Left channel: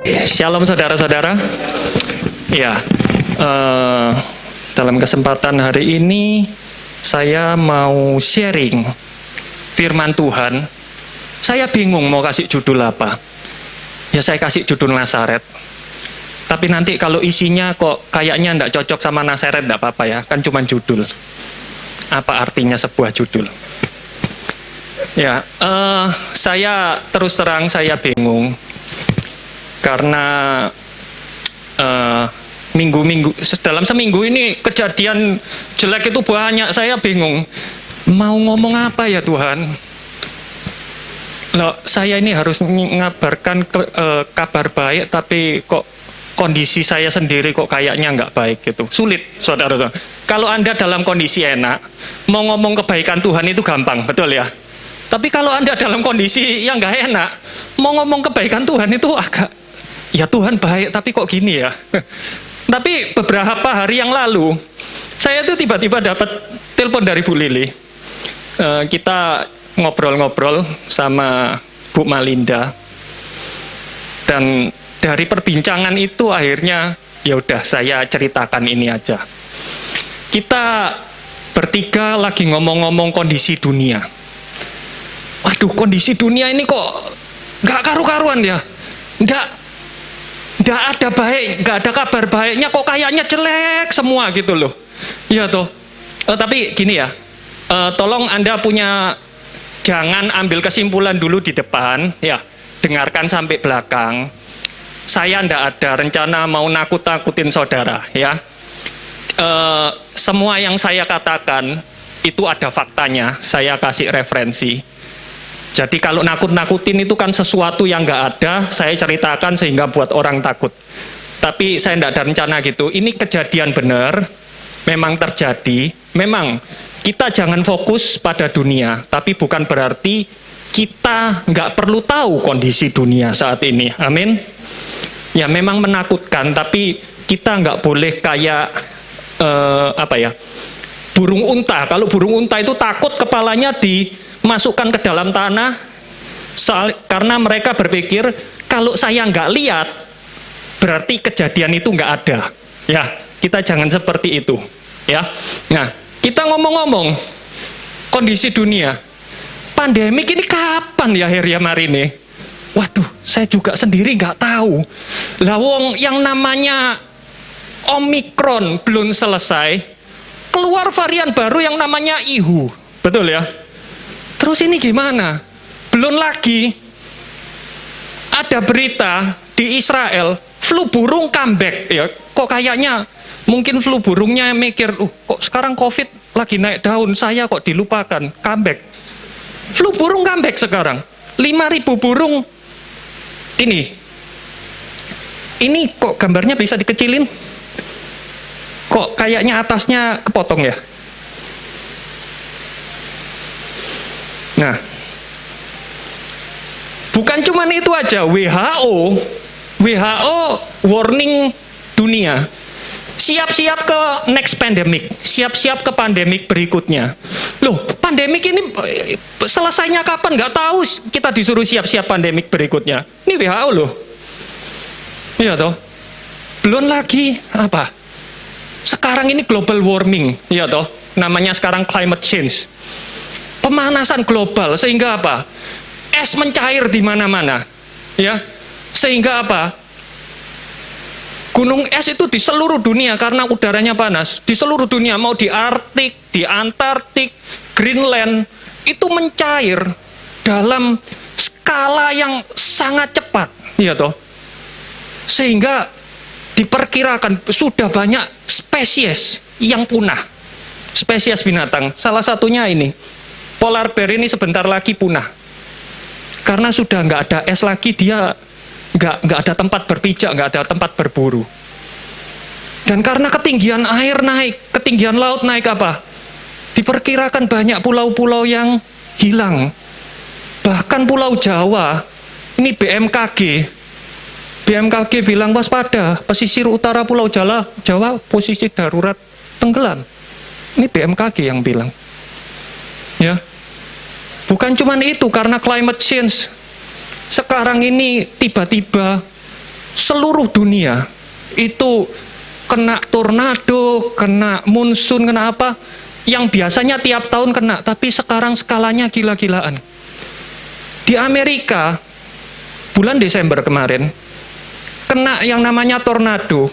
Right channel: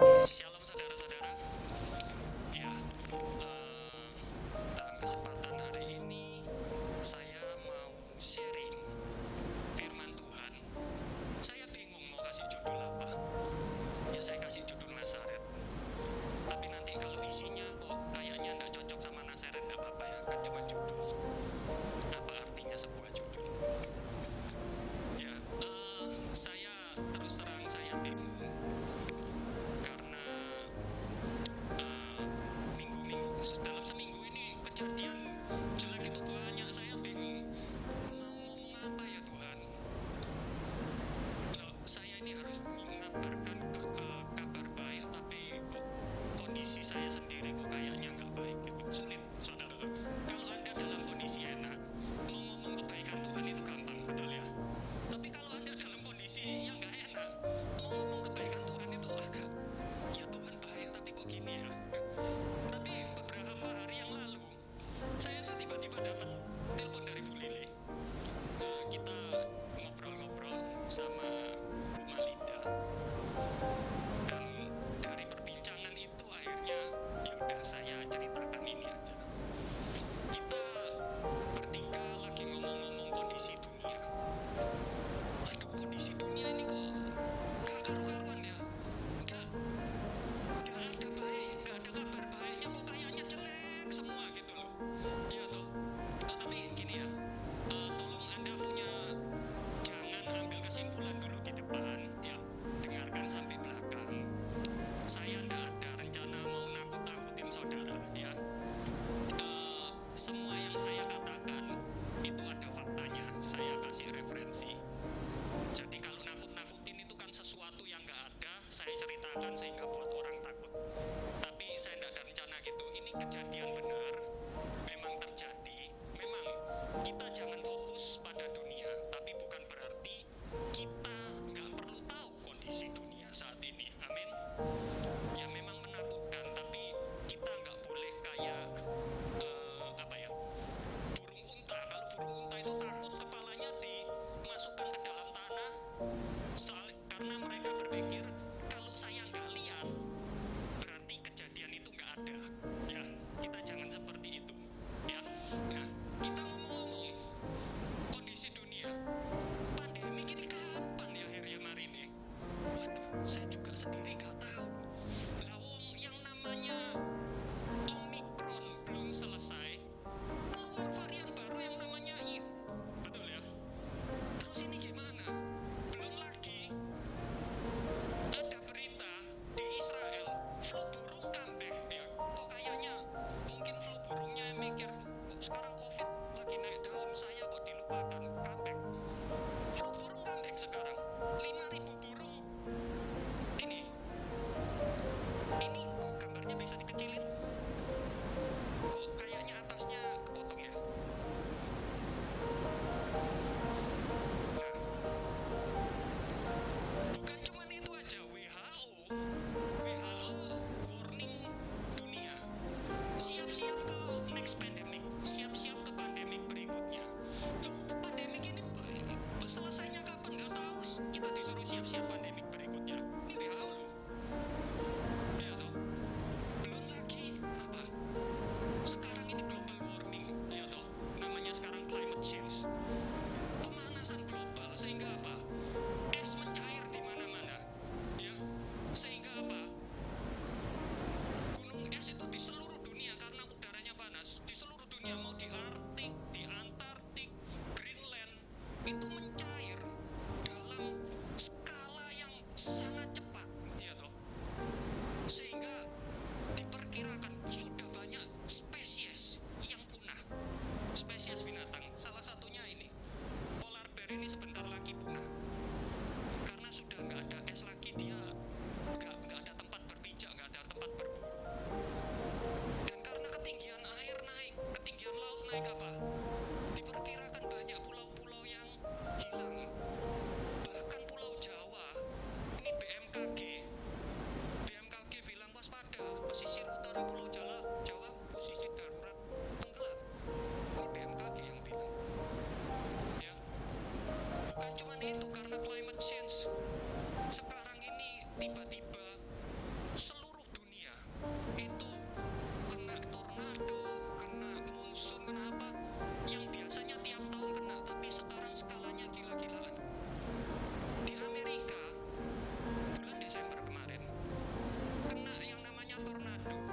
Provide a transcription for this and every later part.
Shalom saudara-saudara. Ya, dalam kesempatan hari ini saya mau sharing firman Tuhan. Saya bingung mau kasih judul apa. Ya saya kasih judul Nazaret. Tapi nanti kalau isinya kok kayaknya enggak cocok sama Nazaret, enggak apa-apa ya, kan cuma judul. Apa artinya sebuah judul? Ya, saya terus terang saya bingung. Karena dalam seminggu ini kejadian jelek itu banyak, saya bingung mau ngomong apa ya Tuhan. Loh, saya ini harus mengabarkan kabar baik, tapi kok kondisi saya sendiri kok kayaknya nggak baik gitu. Sulit, saudara-saudara. Kalau Anda dalam kondisi enak, mau ngomong kebaikan Tuhan itu gampang, betul ya? Tapi kalau Anda dalam kondisi yang nggak enak, mau ngomong kebaikan Tuhan itu agak, ya Tuhan baik, tapi kok gini ya. Tapi beberapa hari yang lalu, saya tuh tiba-tiba dapat telepon dari Bu Lili. Kita ngobrol-ngobrol sama Bu Malinda. Dan dari perbincangan itu akhirnya, ya udah saya ceritakan ini aja. Kita bertiga lagi ngomong-ngomong kondisi dunia. Waduh, kondisi dunia ini kok nggak karu-karuan ya. Nggak ada baik, nggak ada kabar baiknya, kok kayaknya jelek semua gitu loh. Iya toh. Tapi gini ya, tolong Anda jangan ambil kesimpulan dulu di depan, ya, dengarkan sampai belakang. Saya nggak ada rencana mau nakut-nakutin saudara, ya. Semua yang saya katakan itu ada faktanya, saya kasih referensi. Jadi kalau nakut-nakutin itu kan sesuatu yang nggak ada, saya ceritakan sehingga buat orang takut. Tapi saya nggak ada rencana gitu. Ini kejadian benar, memang terjadi. Memang kita jangan fokus pada dunia, tapi bukan berarti kita nggak perlu tahu kondisi dunia saat ini. Amin. Ya memang menakutkan, tapi kita nggak boleh kayak burung unta. Kalau burung unta itu takut kepalanya dimasukkan ke dalam tanah, karena mereka berpikir kalau saya nggak lihat berarti kejadian itu nggak ada. Ya, kita jangan seperti itu. Ya, nah kita ngomong-ngomong kondisi dunia, pandemik ini kapan ya Heriam hari ini? Waduh, saya juga sendiri nggak tahu. Lah wong yang namanya Omikron belum selesai, keluar varian baru yang namanya Ihu, betul ya? Terus ini gimana? Belum lagi ada berita di Israel, flu burung comeback. Ya, kok kayaknya mungkin flu burungnya mikir, kok sekarang COVID lagi naik daun, saya kok dilupakan, comeback. Flu burung comeback sekarang. 5.000 burung. Ini kok gambarnya bisa dikecilin? Kok kayaknya atasnya kepotong ya? Nah, bukan cuma itu aja, WHO warning dunia, siap-siap ke next pandemic, siap-siap ke pandemik berikutnya. Loh, pandemik ini selesainya kapan? Nggak tahu, kita disuruh siap-siap pandemik berikutnya. Ini WHO loh. Iya toh. Belum lagi apa? Sekarang ini global warming, iya toh. Namanya sekarang climate change. Pemanasan global, sehingga apa? Es mencair di mana-mana, ya. Sehingga apa? Gunung es itu di seluruh dunia karena udaranya panas. Di seluruh dunia, mau di Arktik, di Antartik, Greenland, itu mencair dalam skala yang sangat cepat, ya toh. Sehingga diperkirakan sudah banyak spesies yang punah. Spesies binatang, salah satunya ini. Polar bear ini sebentar lagi punah. Karena sudah nggak ada es lagi, dia nggak ada tempat berpijak, nggak ada tempat berburu. Dan karena ketinggian air naik, ketinggian laut naik apa? Diperkirakan banyak pulau-pulau yang hilang. Bahkan Pulau Jawa, ini BMKG bilang waspada, pesisir utara Pulau Jawa posisi darurat tenggelam. Ini BMKG yang bilang. Ya. Bukan cuma itu, karena climate change. Sekarang ini tiba-tiba seluruh dunia itu kena tornado, kena monsun, kena apa, yang biasanya tiap tahun kena, tapi sekarang skalanya gila-gilaan. Di Amerika, bulan Desember kemarin, kena yang namanya tornado.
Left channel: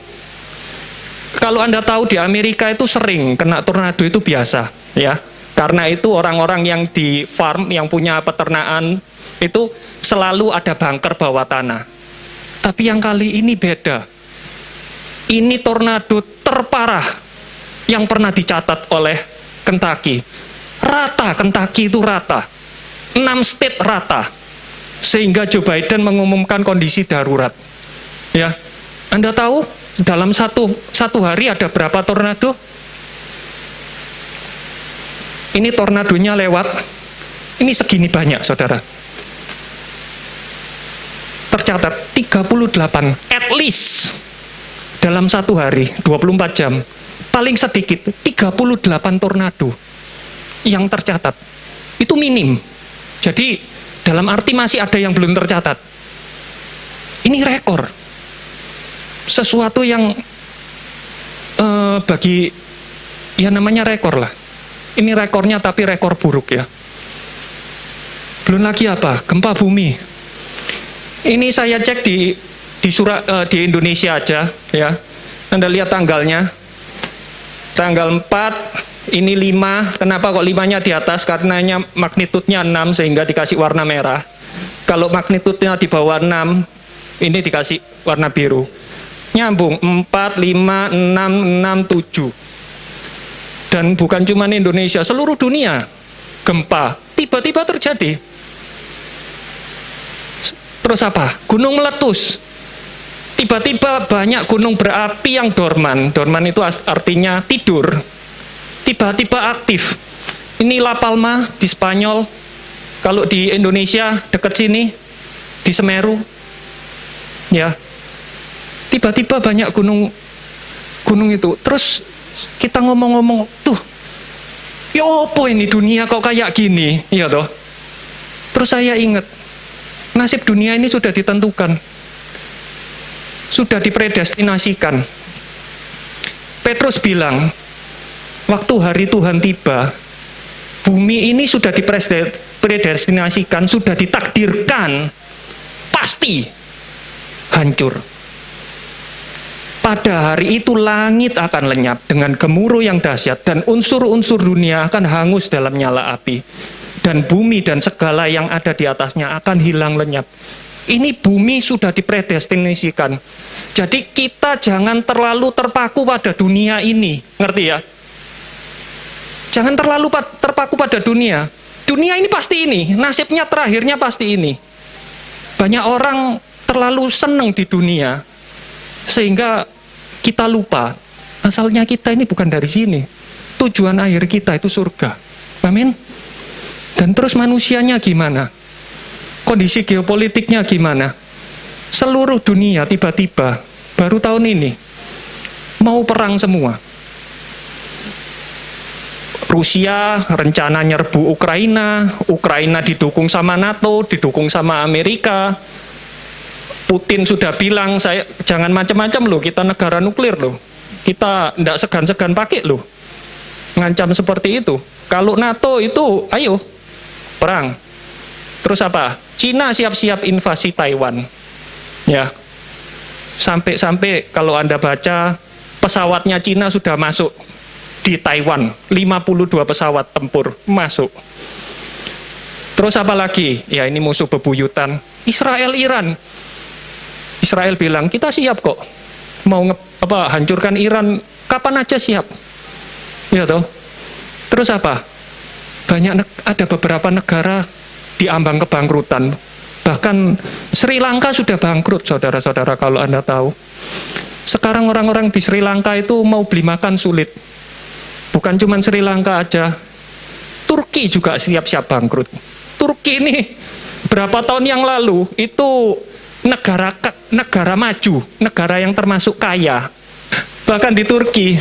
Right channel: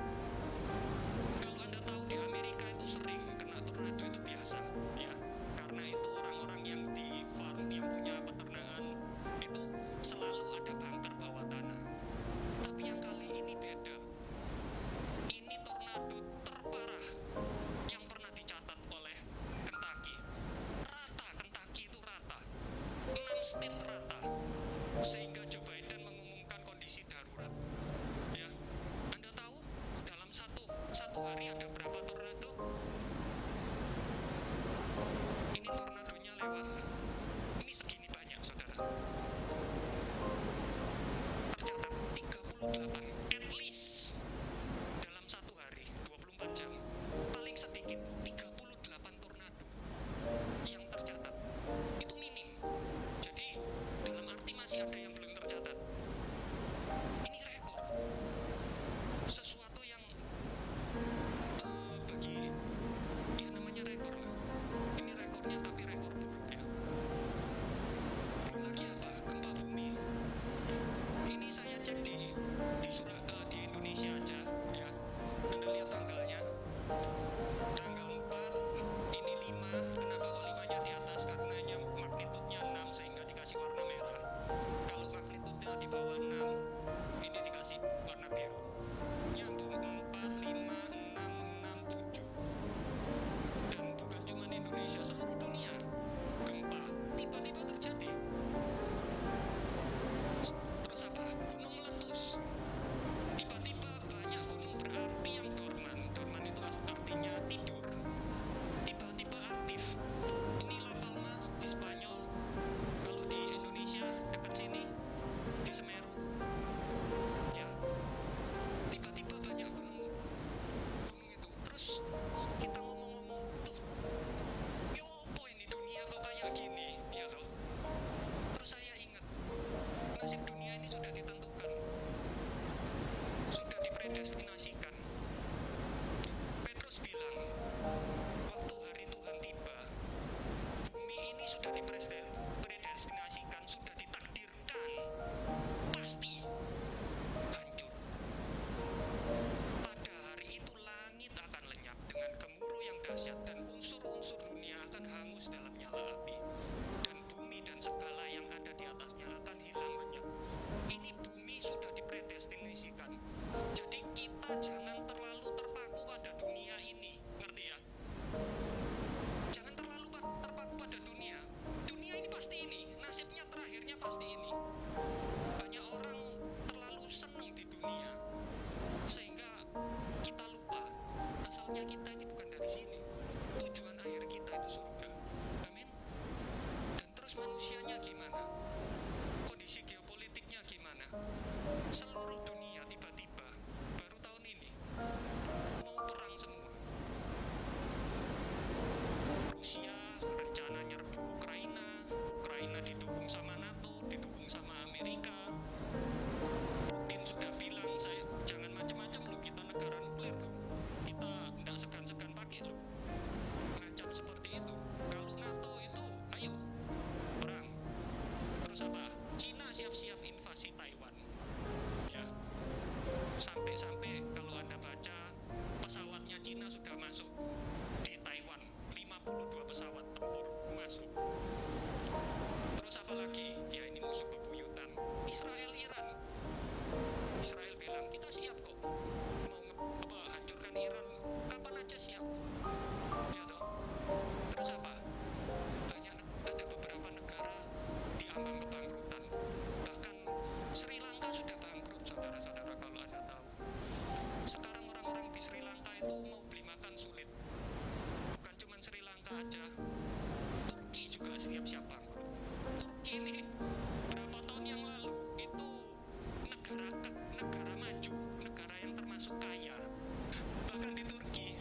Kalau Anda tahu di Amerika itu sering kena tornado, itu biasa, ya. Karena itu orang-orang yang di farm, yang punya peternakan, itu selalu ada bunker bawah tanah. Tapi yang kali ini beda. Ini tornado terparah yang pernah dicatat oleh Kentucky. Rata, Kentucky itu rata. 6 state rata. Sehingga Joe Biden mengumumkan kondisi darurat. Ya, Anda tahu dalam satu hari ada berapa tornado? Ini tornadonya lewat. Ini segini banyak, saudara. Tercatat 38, at least. Dalam satu hari, 24 jam, paling sedikit 38 tornado yang tercatat. Itu minim. Jadi, dalam arti masih ada yang belum tercatat. Ini rekor. Sesuatu yang bagi, ya namanya rekor lah. Ini rekornya tapi rekor buruk ya. Belum lagi apa? Gempa bumi. Ini saya cek di Indonesia aja ya. Anda lihat tanggalnya. Tanggal 4, ini 5. Kenapa kok 5-nya di atas? Karenanya magnitudenya 6 sehingga dikasih warna merah. Kalau magnitudenya di bawah 6, ini dikasih warna biru. Nyambung 4, 5, 6, 6, 7. Dan bukan cuma Indonesia, seluruh dunia gempa tiba-tiba terjadi. Terus apa? Gunung meletus. Tiba-tiba banyak gunung berapi yang dorman. Dorman itu artinya tidur. Tiba-tiba aktif. Ini La Palma di Spanyol. Kalau di Indonesia dekat sini, di Semeru. Ya. Tiba-tiba banyak gunung itu. Terus kita ngomong-ngomong, tuh, ya apa ini dunia kok kayak gini? Ya toh. Terus saya ingat, nasib dunia ini sudah ditentukan. Sudah dipredestinasikan. Petrus bilang, waktu hari Tuhan tiba, bumi ini sudah dipredestinasikan, sudah ditakdirkan, pasti hancur. Pada hari itu langit akan lenyap dengan gemuruh yang dahsyat dan unsur-unsur dunia akan hangus dalam nyala api. Dan bumi dan segala yang ada di atasnya akan hilang lenyap. Ini bumi sudah dipredestinasikan. Jadi kita jangan terlalu terpaku pada dunia ini. Ngerti ya? Jangan terlalu terpaku pada dunia. Dunia ini pasti ini. Nasibnya terakhirnya pasti ini. Banyak orang terlalu senang di dunia. Sehingga kita lupa. Asalnya kita ini bukan dari sini. Tujuan akhir kita itu surga. Amin. Dan terus manusianya gimana? Kondisi geopolitiknya gimana? Seluruh dunia tiba-tiba, baru tahun ini, mau perang semua. Rusia rencana nyerbu Ukraina, Ukraina didukung sama NATO, didukung sama Amerika. Putin sudah bilang, saya jangan macam-macam loh, kita negara nuklir loh. Kita tidak segan-segan pakai loh. Ngancam seperti itu. Kalau NATO itu, ayo, perang. Terus apa? Cina siap-siap invasi Taiwan. Ya. Sampai-sampai kalau Anda baca, pesawatnya Cina sudah masuk di Taiwan. 52 pesawat tempur masuk. Terus apa lagi? Ya ini musuh bebuyutan. Israel-Iran. Israel bilang, kita siap kok. Mau hancurkan Iran, kapan aja siap. Ya toh. Terus apa? Ada beberapa negara diambang kebangkrutan. Bahkan Sri Lanka sudah bangkrut, saudara-saudara, kalau Anda tahu. Sekarang orang-orang di Sri Lanka itu mau beli makan sulit. Bukan cuma Sri Lanka aja. Turki juga siap-siap bangkrut. Turki ini berapa tahun yang lalu itu negara maju, negara yang termasuk kaya. Bahkan di Turki,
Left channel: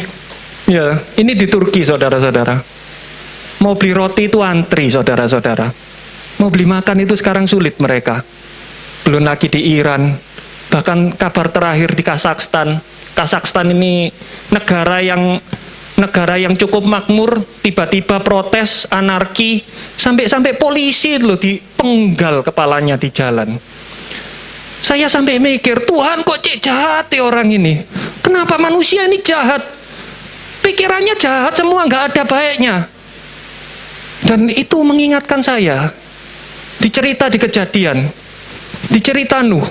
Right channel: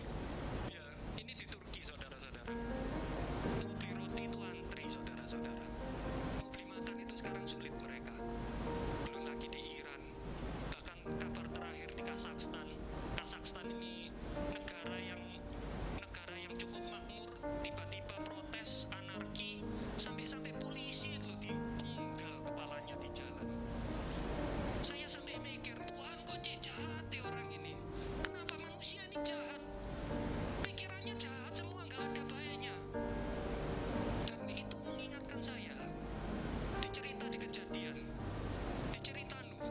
ya, ini di Turki, saudara-saudara. Mau beli roti itu antri, saudara-saudara. Mau beli makan itu sekarang sulit mereka. Belum lagi di Iran. Bahkan kabar terakhir di Kazakhstan. Kazakhstan ini negara yang cukup makmur, tiba-tiba protes, anarki, sampai polisi loh dipenggal kepalanya di jalan. Saya sampai mikir, Tuhan kok cek jahat ya orang ini? Kenapa manusia ini jahat? Pikirannya jahat semua, nggak ada baiknya. Dan itu mengingatkan saya, di Kejadian, di cerita Nuh.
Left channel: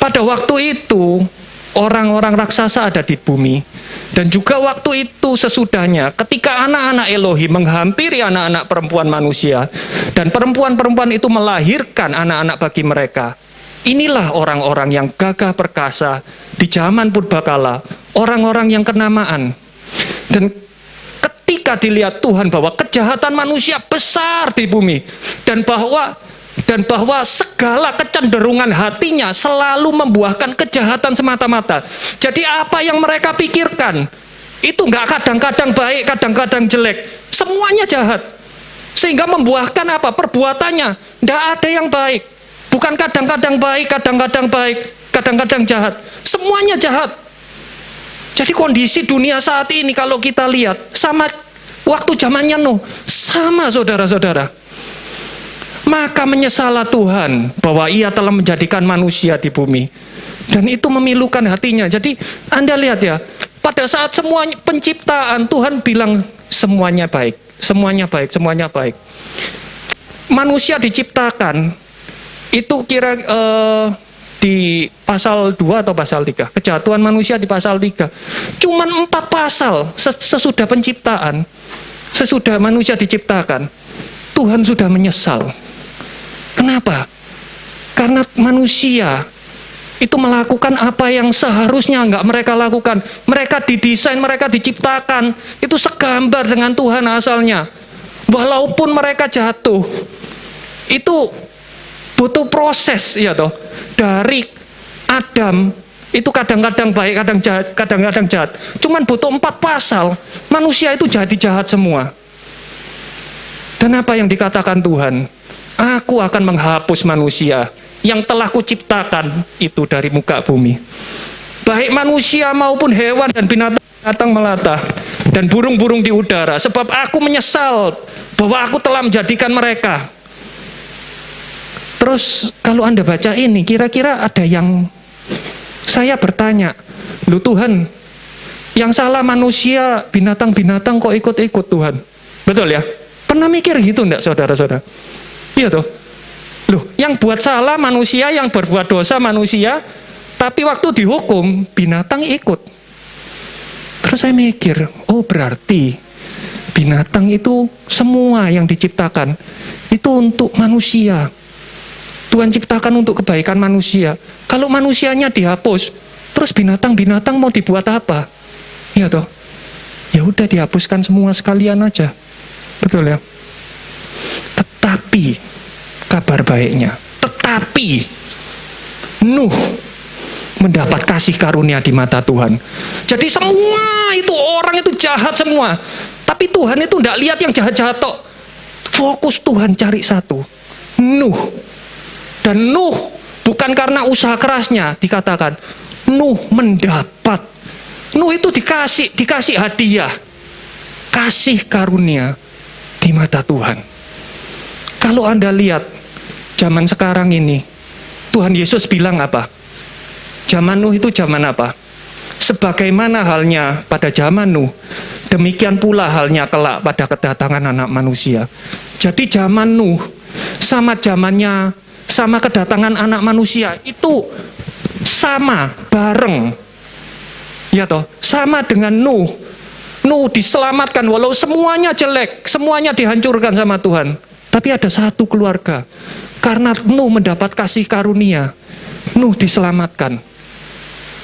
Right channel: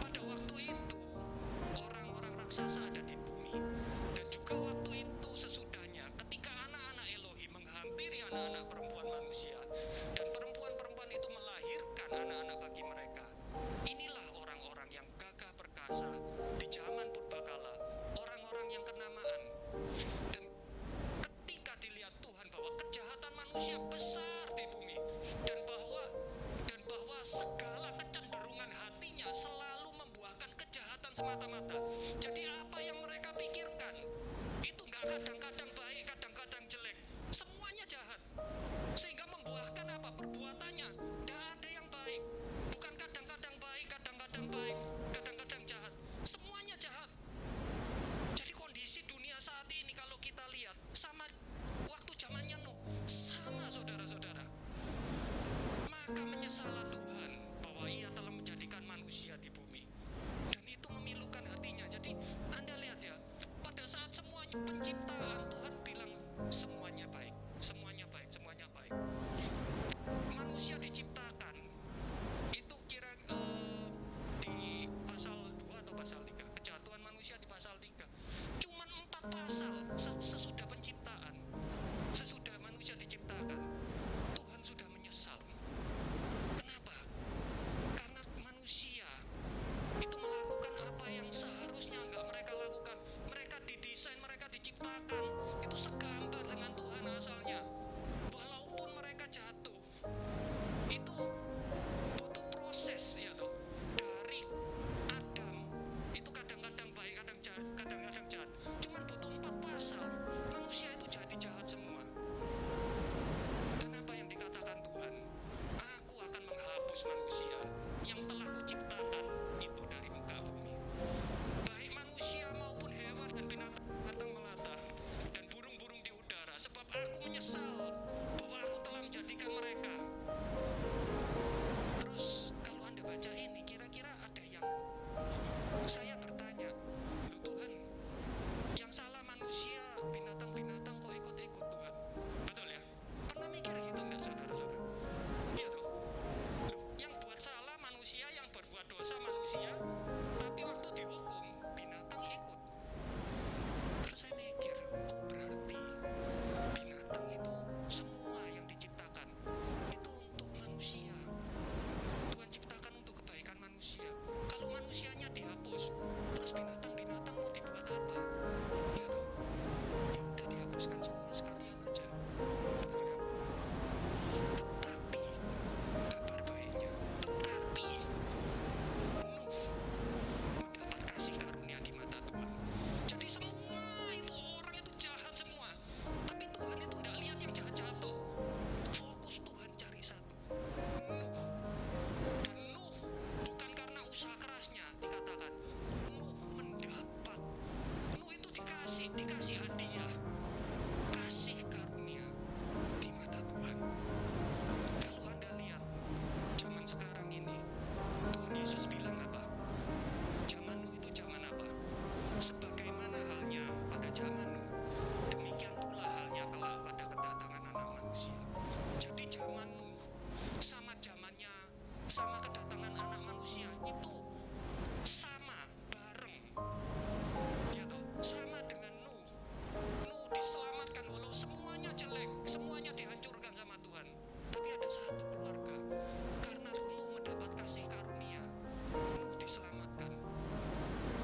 Pada waktu itu, orang-orang raksasa ada di bumi. Dan juga waktu itu sesudahnya, ketika anak-anak Elohim menghampiri anak-anak perempuan manusia, dan perempuan-perempuan itu melahirkan anak-anak bagi mereka. Inilah orang-orang yang gagah perkasa di zaman purbakala, orang-orang yang kenamaan. Dan ketika dilihat Tuhan bahwa kejahatan manusia besar di bumi, dan bahwa segala kecenderungan hatinya selalu membuahkan kejahatan semata-mata. Jadi apa yang mereka pikirkan itu nggak kadang-kadang baik, kadang-kadang jelek, semuanya jahat. Sehingga membuahkan apa? Perbuatannya nggak ada yang baik. Bukan kadang-kadang baik, kadang-kadang jahat. Semuanya jahat. Jadi kondisi dunia saat ini kalau kita lihat sama waktu zamannya Nuh, sama saudara-saudara. Maka menyesallah Tuhan bahwa ia telah menjadikan manusia di bumi. Dan itu memilukan hatinya. Jadi Anda lihat ya, pada saat semua penciptaan Tuhan bilang semuanya baik, semuanya baik, semuanya baik. Manusia diciptakan, itu di pasal 2 atau pasal 3. Kejatuhan manusia di pasal 3. Cuman 4 pasal sesudah penciptaan, sesudah manusia diciptakan, Tuhan sudah menyesal. Kenapa? Karena manusia itu melakukan apa yang seharusnya nggak mereka lakukan. Mereka didesain, mereka diciptakan, itu segambar dengan Tuhan asalnya. Walaupun mereka jatuh, itu butuh proses, ya toh. Dari Adam, itu kadang-kadang baik, kadang-kadang jahat. Cuman butuh 4 pasal, manusia itu jadi jahat semua. Dan apa yang dikatakan Tuhan? Aku akan menghapus manusia yang telah kuciptakan itu dari muka bumi. Baik manusia maupun hewan dan binatang melata dan burung-burung di udara. Sebab aku menyesal bahwa aku telah menjadikan mereka. Terus kalau Anda baca ini, kira-kira ada yang saya bertanya, loh Tuhan, yang salah manusia, binatang-binatang kok ikut-ikut Tuhan? Betul ya? Pernah mikir gitu enggak saudara-saudara? Iya toh. Loh, yang buat salah manusia, yang berbuat dosa manusia, tapi waktu dihukum binatang ikut. Terus saya mikir, oh berarti binatang itu semua yang diciptakan itu untuk manusia. Tuhan ciptakan untuk kebaikan manusia. Kalau manusianya dihapus, terus binatang-binatang mau dibuat apa? Iya toh. Ya udah dihapuskan semua sekalian aja. Betul ya? Tetapi, kabar baiknya, tetapi Nuh mendapat kasih karunia di mata Tuhan. Jadi semua itu orang itu jahat semua. Tapi Tuhan itu tidak lihat yang jahat-jahat tok. Fokus Tuhan cari satu, Nuh. Dan Nuh bukan karena usaha kerasnya dikatakan. Nuh mendapat. Nuh itu dikasih hadiah. Kasih karunia di mata Tuhan. Kalau Anda lihat zaman sekarang ini, Tuhan Yesus bilang apa? Zaman Nuh itu zaman apa? Sebagaimana halnya pada zaman Nuh, demikian pula halnya kelak pada kedatangan anak manusia. Jadi zaman Nuh sama kedatangan anak manusia itu sama, bareng. Ya toh, sama dengan Nuh. Nuh diselamatkan walau semuanya jelek, semuanya dihancurkan sama Tuhan. Tapi ada satu keluarga, karena Nuh mendapat kasih karunia, Nuh diselamatkan.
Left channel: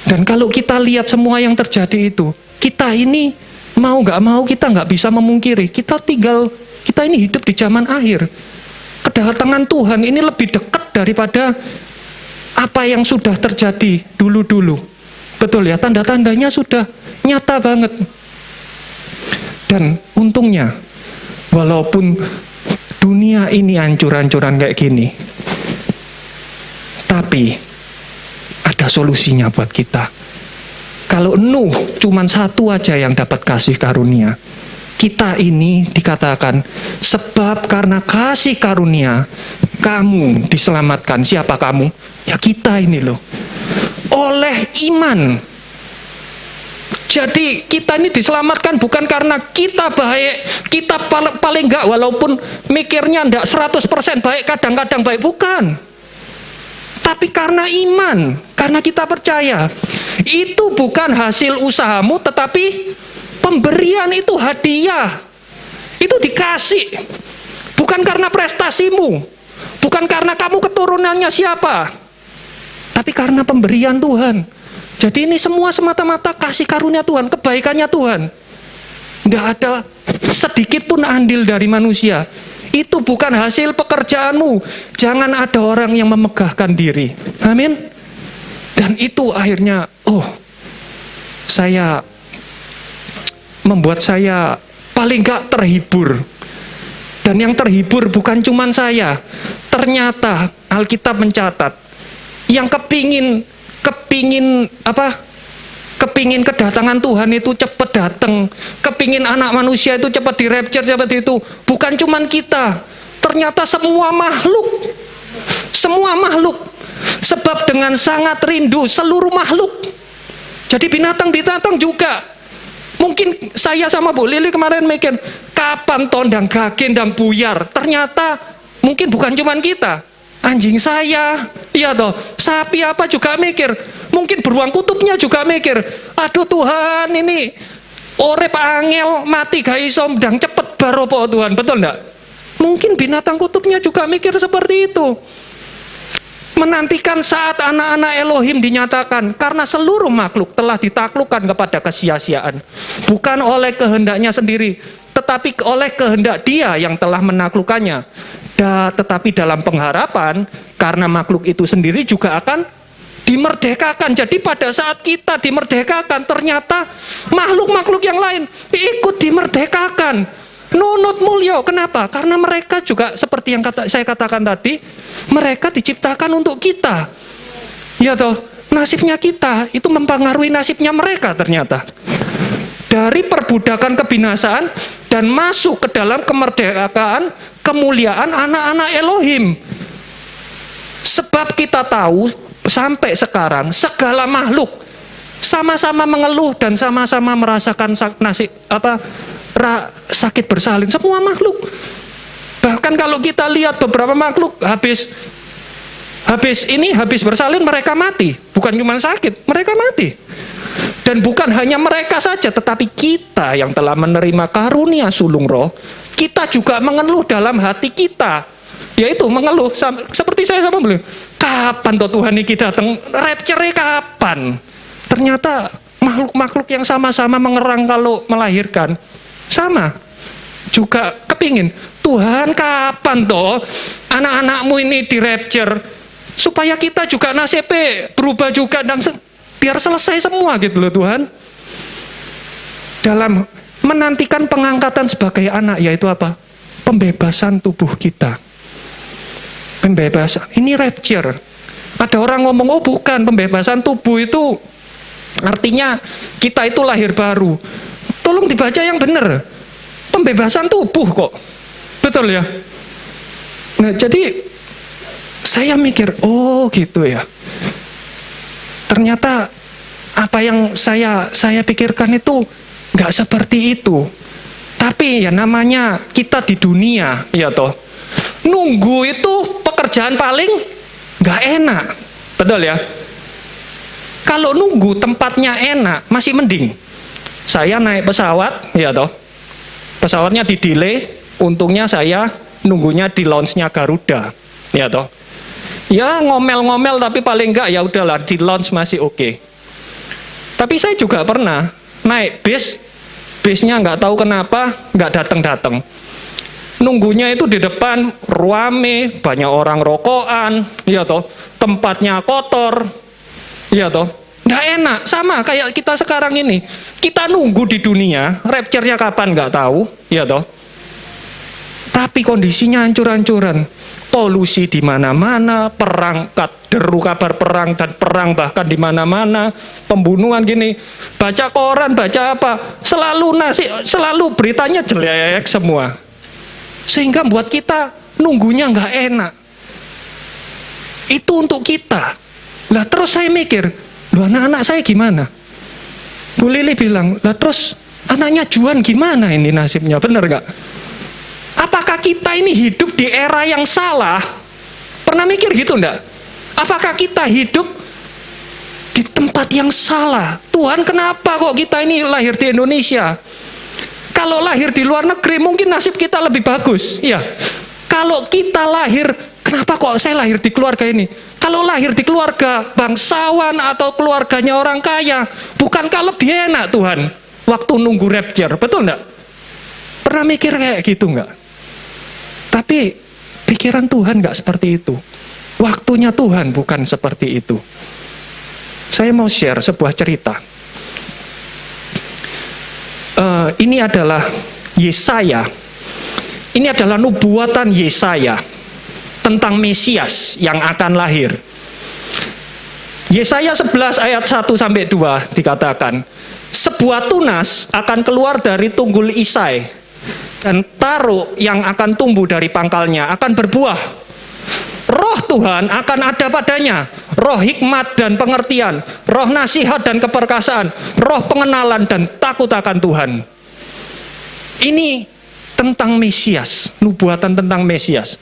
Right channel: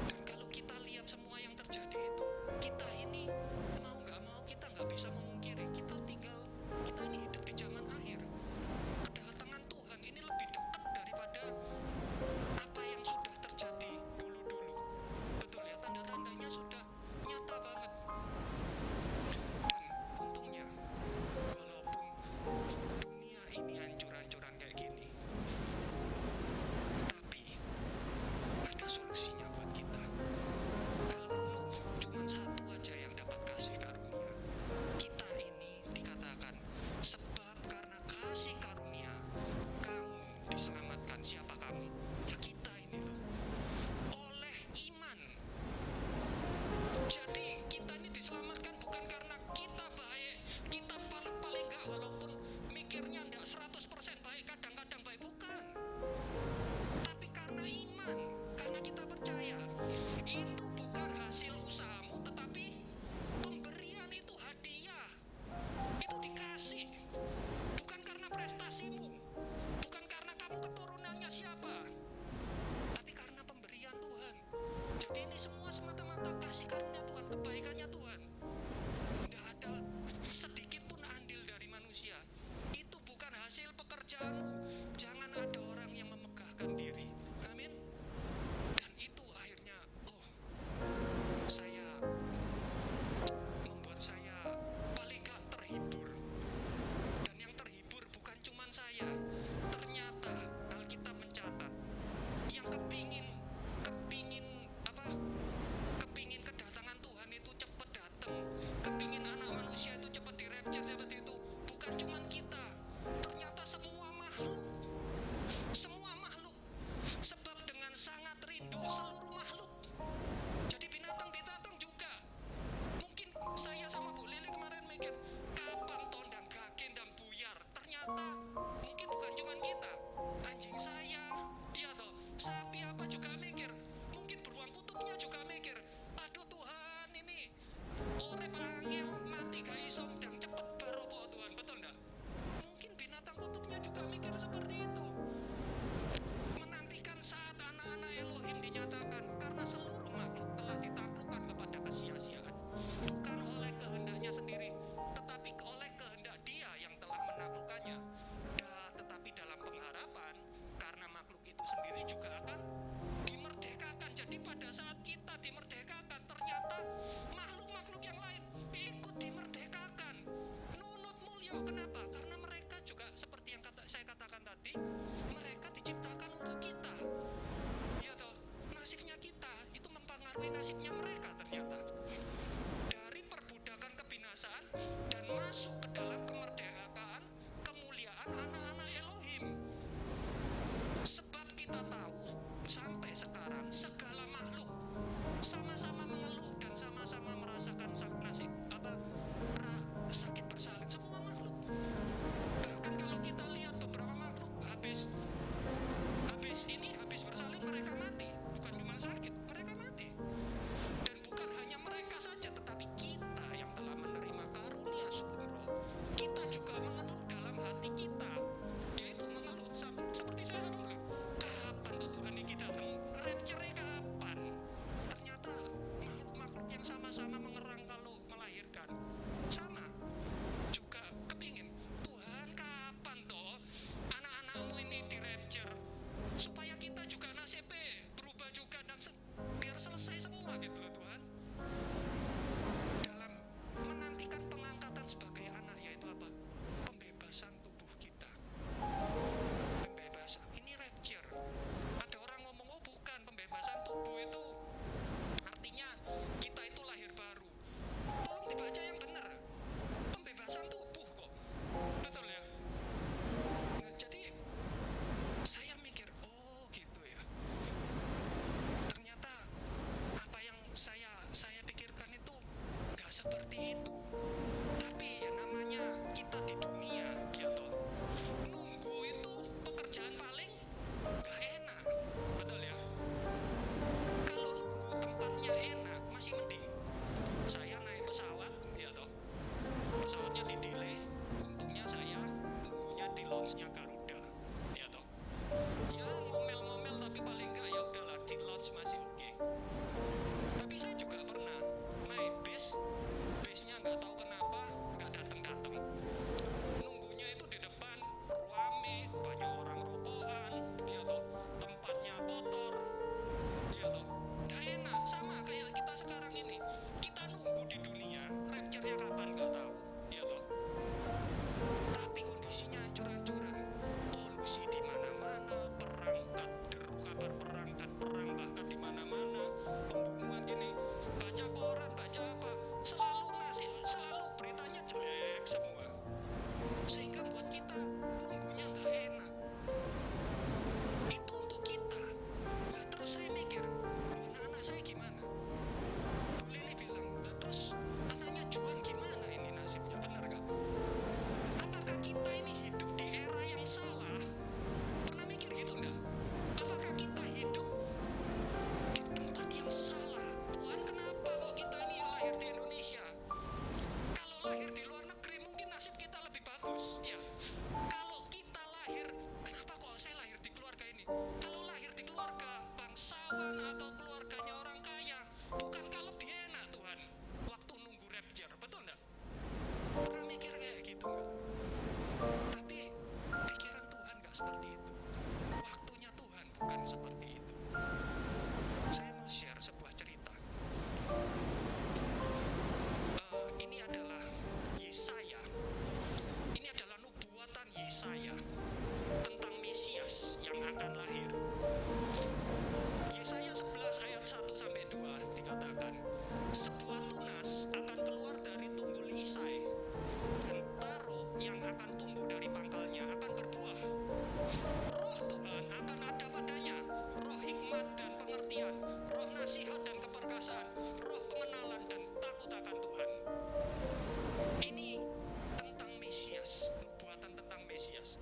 Dan kalau kita lihat semua yang terjadi itu, kita ini mau nggak mau kita nggak bisa memungkiri, kita ini hidup di zaman akhir. Kedatangan Tuhan ini lebih dekat daripada apa yang sudah terjadi dulu-dulu. Betul ya, tanda-tandanya sudah nyata banget. Dan untungnya, walaupun dunia ini hancur-hancuran kayak gini, tapi solusinya buat kita. Kalau Nuh cuman satu aja yang dapat kasih karunia, kita ini dikatakan sebab karena kasih karunia kamu diselamatkan. Siapa kamu? Ya kita ini loh. Oleh iman. Jadi kita ini diselamatkan bukan karena kita baik, kita paling enggak walaupun mikirnya enggak 100% baik, kadang-kadang baik, bukan. Tapi karena iman, karena kita percaya. Itu bukan hasil usahamu, tetapi pemberian itu hadiah. Itu dikasih. Bukan karena prestasimu, bukan karena kamu keturunannya siapa, tapi karena pemberian Tuhan. Jadi ini semua semata-mata kasih karunia Tuhan, kebaikannya Tuhan. Tidak ada sedikit pun andil dari manusia. Itu bukan hasil pekerjaanmu. Jangan ada orang yang memegahkan diri. Amin. Dan itu akhirnya, membuat saya paling gak terhibur. Dan yang terhibur bukan cuma saya. Ternyata Alkitab mencatat, yang kepingin kedatangan Tuhan itu cepat datang, kepingin anak manusia itu cepat di-rapture seperti itu, bukan cuman kita, ternyata semua makhluk, sebab dengan sangat rindu seluruh makhluk. Jadi binatang juga. Mungkin saya sama Bu Lili kemarin mikir, kapan tondang gagen dan buyar, ternyata mungkin bukan cuman kita. Anjing saya, iya toh, sapi apa juga mikir, mungkin beruang kutubnya juga mikir, aduh Tuhan ini orep angel mati gak iso ndang cepet baropo Tuhan, betul enggak? Mungkin binatang kutubnya juga mikir seperti itu. Menantikan saat anak-anak Elohim dinyatakan, karena seluruh makhluk telah ditaklukkan kepada kesia-siaan, bukan oleh kehendaknya sendiri, tetapi oleh kehendak Dia yang telah menaklukkannya. Tetapi dalam pengharapan, karena makhluk itu sendiri juga akan dimerdekakan. Jadi pada saat kita dimerdekakan, ternyata makhluk-makhluk yang lain ikut dimerdekakan. Nunut mulya, kenapa? Karena mereka juga seperti yang saya katakan tadi, mereka diciptakan untuk kita. Ya toh, nasibnya kita itu mempengaruhi nasibnya mereka ternyata. Dari perbudakan kebinasaan dan masuk ke dalam kemerdekaan, kemuliaan anak-anak Elohim. Sebab kita tahu sampai sekarang segala makhluk sama-sama mengeluh dan sama-sama merasakan sakit bersalin, semua makhluk. Bahkan kalau kita lihat beberapa makhluk habis bersalin mereka mati, bukan cuma sakit, mereka mati. Dan bukan hanya mereka saja, tetapi kita yang telah menerima karunia sulung roh, kita juga mengeluh dalam hati kita, yaitu mengeluh seperti saya sama beliau, kapan toh Tuhan ini datang, rapture kapan? Ternyata makhluk-makhluk yang sama-sama mengerang kalau melahirkan, sama juga kepingin, Tuhan kapan toh anak-anakmu ini di rapture, supaya kita juga nasibnya berubah juga dan biar selesai semua gitu loh Tuhan. Dalam menantikan pengangkatan sebagai anak, yaitu apa? Pembebasan tubuh kita. Pembebasan, ini rapture. Ada orang ngomong, bukan, pembebasan tubuh itu artinya kita itu lahir baru. Tolong dibaca yang benar. Pembebasan tubuh kok. Betul ya? Nah jadi saya mikir, gitu ya. Ternyata apa yang saya pikirkan itu nggak seperti itu. Tapi ya namanya kita di dunia, ya toh. Nunggu itu pekerjaan paling nggak enak, betul ya. Kalau nunggu tempatnya enak masih mending. Saya naik pesawat, ya toh. Pesawatnya di delay, untungnya saya nunggunya di lounge-nya Garuda, ya toh. Ya ngomel-ngomel tapi paling enggak ya udahlah di lounge masih oke. Tapi saya juga pernah naik bisnya nggak tahu kenapa nggak datang. Nunggunya itu di depan rame, banyak orang rokokan, ya toh, tempatnya kotor, ya toh, nggak enak. Sama kayak kita sekarang ini, kita nunggu di dunia, rapture-nya kapan nggak tahu, ya toh. Tapi kondisinya hancur-hancuran. polusi di mana-mana, perangkat deru kabar perang dan perang bahkan di mana-mana, pembunuhan gini, baca koran, baca apa, selalu beritanya jelek semua, sehingga buat kita nunggunya nggak enak. Itu untuk kita. Lah terus saya mikir, anak-anak saya gimana? Bu Lili bilang, lah terus anaknya Juan gimana ini nasibnya, bener nggak? Apakah kita ini hidup di era yang salah? Pernah mikir gitu enggak? Apakah kita hidup di tempat yang salah? Tuhan, kenapa kok kita ini lahir di Indonesia? Kalau lahir di luar negeri mungkin nasib kita lebih bagus. Ya. Kalau kita lahir, kenapa kok saya lahir di keluarga ini? Kalau lahir di keluarga bangsawan atau keluarganya orang kaya, bukankah lebih enak Tuhan? Waktu nunggu rapture, betul enggak? Pernah mikir kayak gitu enggak? Tapi pikiran Tuhan nggak seperti itu. Waktunya Tuhan bukan seperti itu. Saya mau share sebuah cerita. Ini adalah Yesaya. Ini adalah nubuatan Yesaya tentang Mesias yang akan lahir. Yesaya 11 ayat 1-2 dikatakan, sebuah tunas akan keluar dari tunggul Isai, dan taruh yang akan tumbuh dari pangkalnya akan berbuah. Roh Tuhan akan ada padanya, roh hikmat dan pengertian, roh nasihat dan keperkasaan, roh pengenalan dan takut akan Tuhan. Ini tentang Mesias, nubuatan tentang Mesias.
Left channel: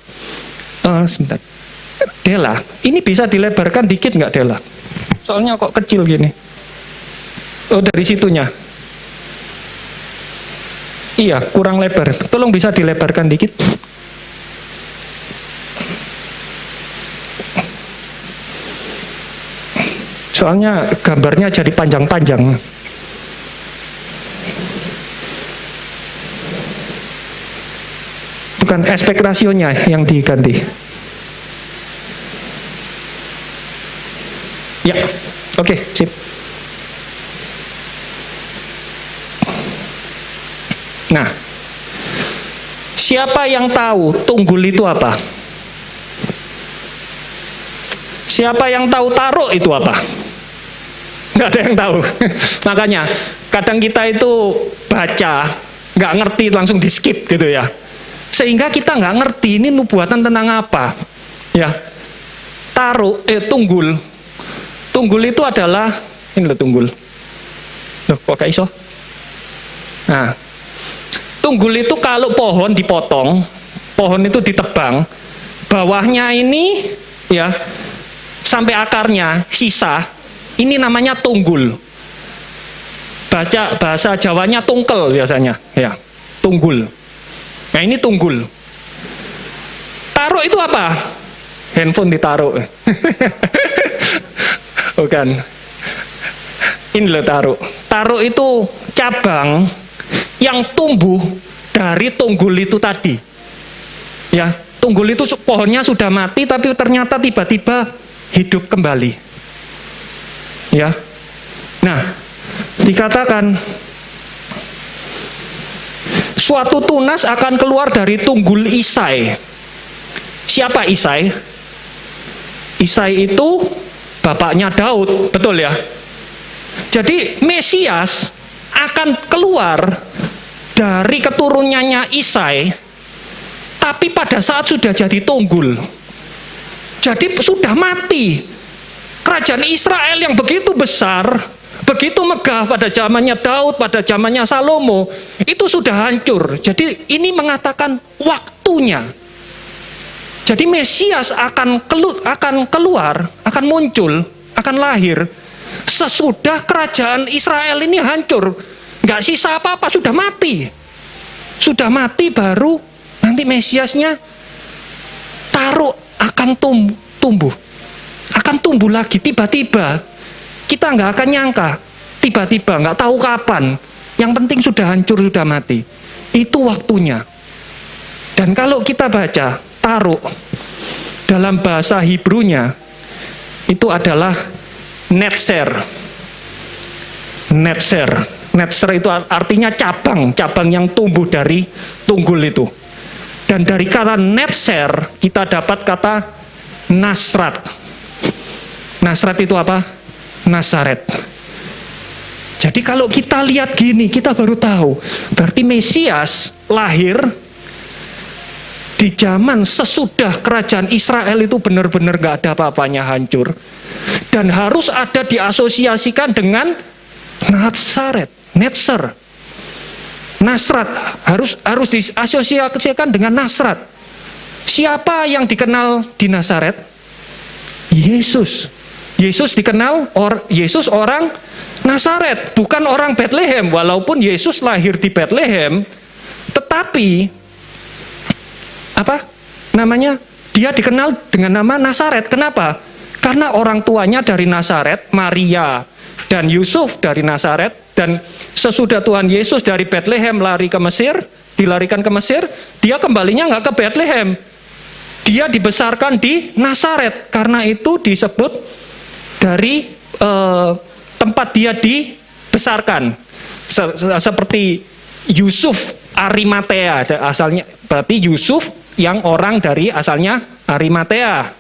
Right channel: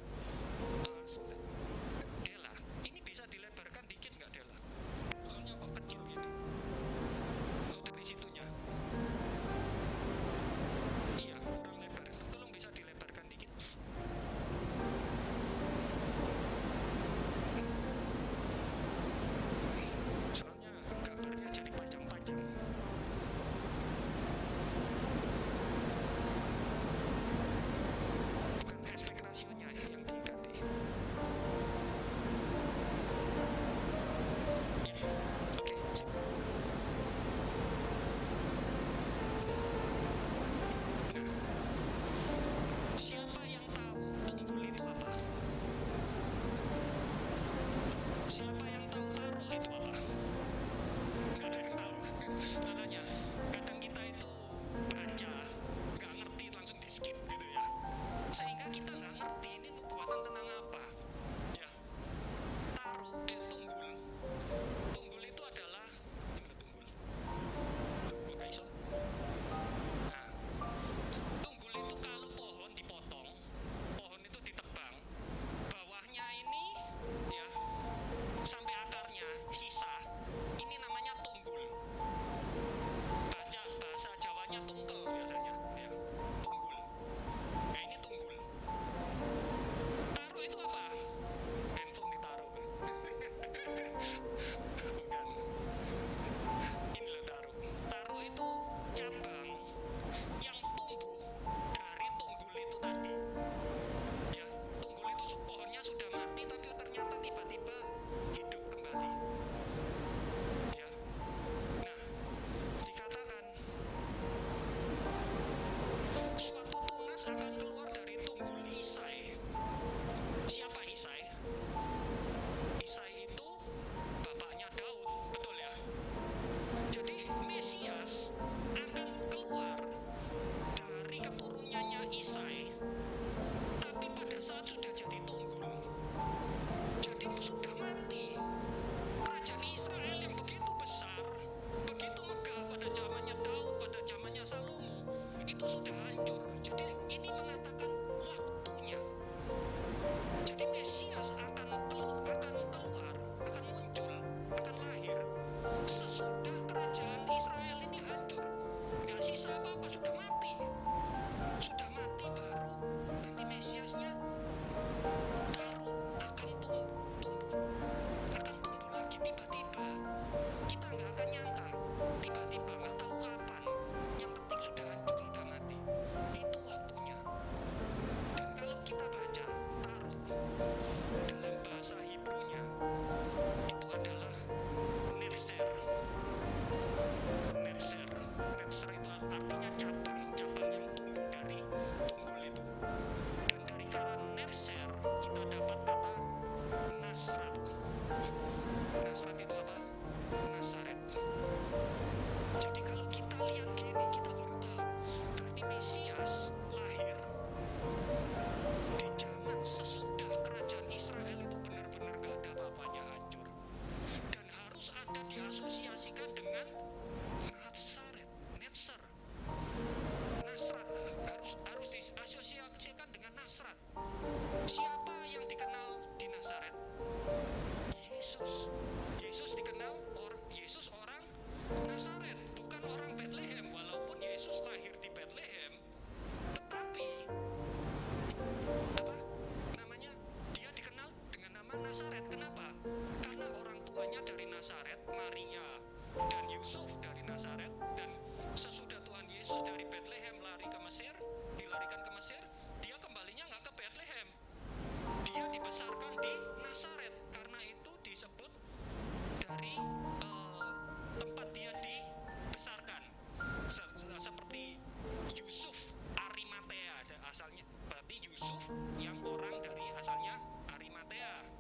Sebentar, Dela, ini bisa dilebarkan dikit nggak Dela? Soalnya kok kecil gini. Oh, dari situnya. Iya, kurang lebar. Tolong bisa dilebarkan dikit. Soalnya gambarnya jadi panjang-panjang. Bukan aspek rasionya yang diganti. Ya, oke, sip. Nah, siapa yang tahu tunggul itu apa? Siapa yang tahu taruh itu apa? Nggak ada yang tahu. Makanya kadang kita itu baca, nggak ngerti langsung di skip gitu ya. Sehingga kita nggak ngerti ini nubuatan tentang apa. Ya, taruh, tunggul. Tunggul itu adalah, ini loh tunggul. Loh, kok kayak iso? Nah, tunggul itu kalau pohon dipotong, pohon itu ditebang, bawahnya ini ya sampai akarnya sisa, ini namanya tunggul. Bahasa Jawanya tungkel biasanya, ya tunggul. Nah ini tunggul. Taruh itu apa? Handphone ditaruh. Bukan. Ini loh taruh. Taruh itu cabang yang tumbuh dari tunggul itu tadi. Ya, tunggul itu pohonnya sudah mati tapi ternyata tiba-tiba hidup kembali. Ya. Nah, dikatakan suatu tunas akan keluar dari tunggul Isai. Siapa Isai? Isai itu bapaknya Daud, betul ya? Jadi Mesias akan keluar dari keturunannya Isai, tapi pada saat sudah jadi tunggul. Jadi sudah mati. Kerajaan Israel yang begitu besar, begitu megah pada zamannya Daud, pada zamannya Salomo, itu sudah hancur. Jadi ini mengatakan waktunya. Jadi Mesias akan keluar, akan muncul, akan lahir sesudah kerajaan Israel ini hancur. Nggak sisa apa-apa, sudah mati. Sudah mati baru nanti Mesiasnya taruh akan tumbuh. Akan tumbuh lagi tiba-tiba. Kita nggak akan nyangka. Tiba-tiba, nggak tahu kapan. Yang penting sudah hancur, sudah mati. Itu waktunya. Dan kalau kita baca taruh dalam bahasa Hebrunya itu adalah netzer. Netzer itu artinya cabang yang tumbuh dari tunggul itu. Dan dari kata Netzer kita dapat kata Nasrat. Nasrat itu apa? Nasaret. Jadi kalau kita lihat gini, kita baru tahu, berarti Mesias lahir di zaman sesudah kerajaan Israel itu benar-benar gak ada apa-apanya, hancur. Dan harus ada diasosiasikan dengan Nasaret, Netzer. Nasrat harus diasosiasikan dengan Nasrat. Siapa yang dikenal di Nasaret? Yesus. Yesus dikenal Yesus orang Nasaret, bukan orang Bethlehem. Walaupun Yesus lahir di Bethlehem, tetapi apa namanya? Dia dikenal dengan nama Nasaret. Kenapa? Karena orang tuanya dari Nasaret, Maria dan Yusuf dari Nasaret, dan sesudah Tuhan Yesus dari Bethlehem dilarikan ke Mesir, dia kembalinya nggak ke Bethlehem. Dia dibesarkan di Nasaret. Karena itu disebut dari tempat dia dibesarkan. Seperti Yusuf Arimatea, asalnya berarti Yusuf yang orang dari asalnya Arimatea.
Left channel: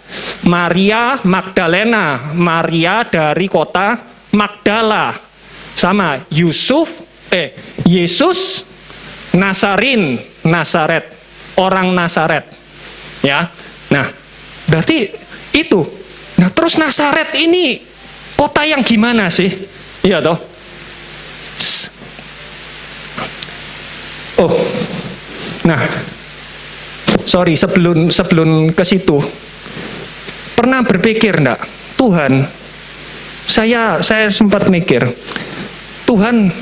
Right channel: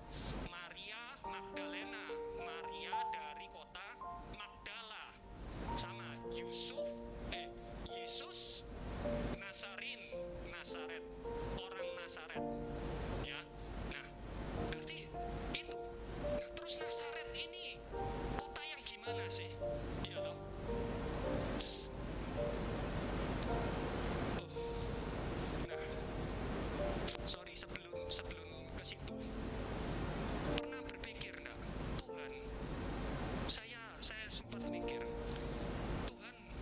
Maria Magdalena, Maria dari kota Magdala. Sama Yesus Nasarin, Nasaret, orang Nasaret. Ya. Nah, berarti itu. Nah, terus Nasaret ini kota yang gimana sih? Iya toh? Oh. Nah, sorry, sebelum ke situ, pernah berpikir enggak, Tuhan, saya sempat mikir, Tuhan,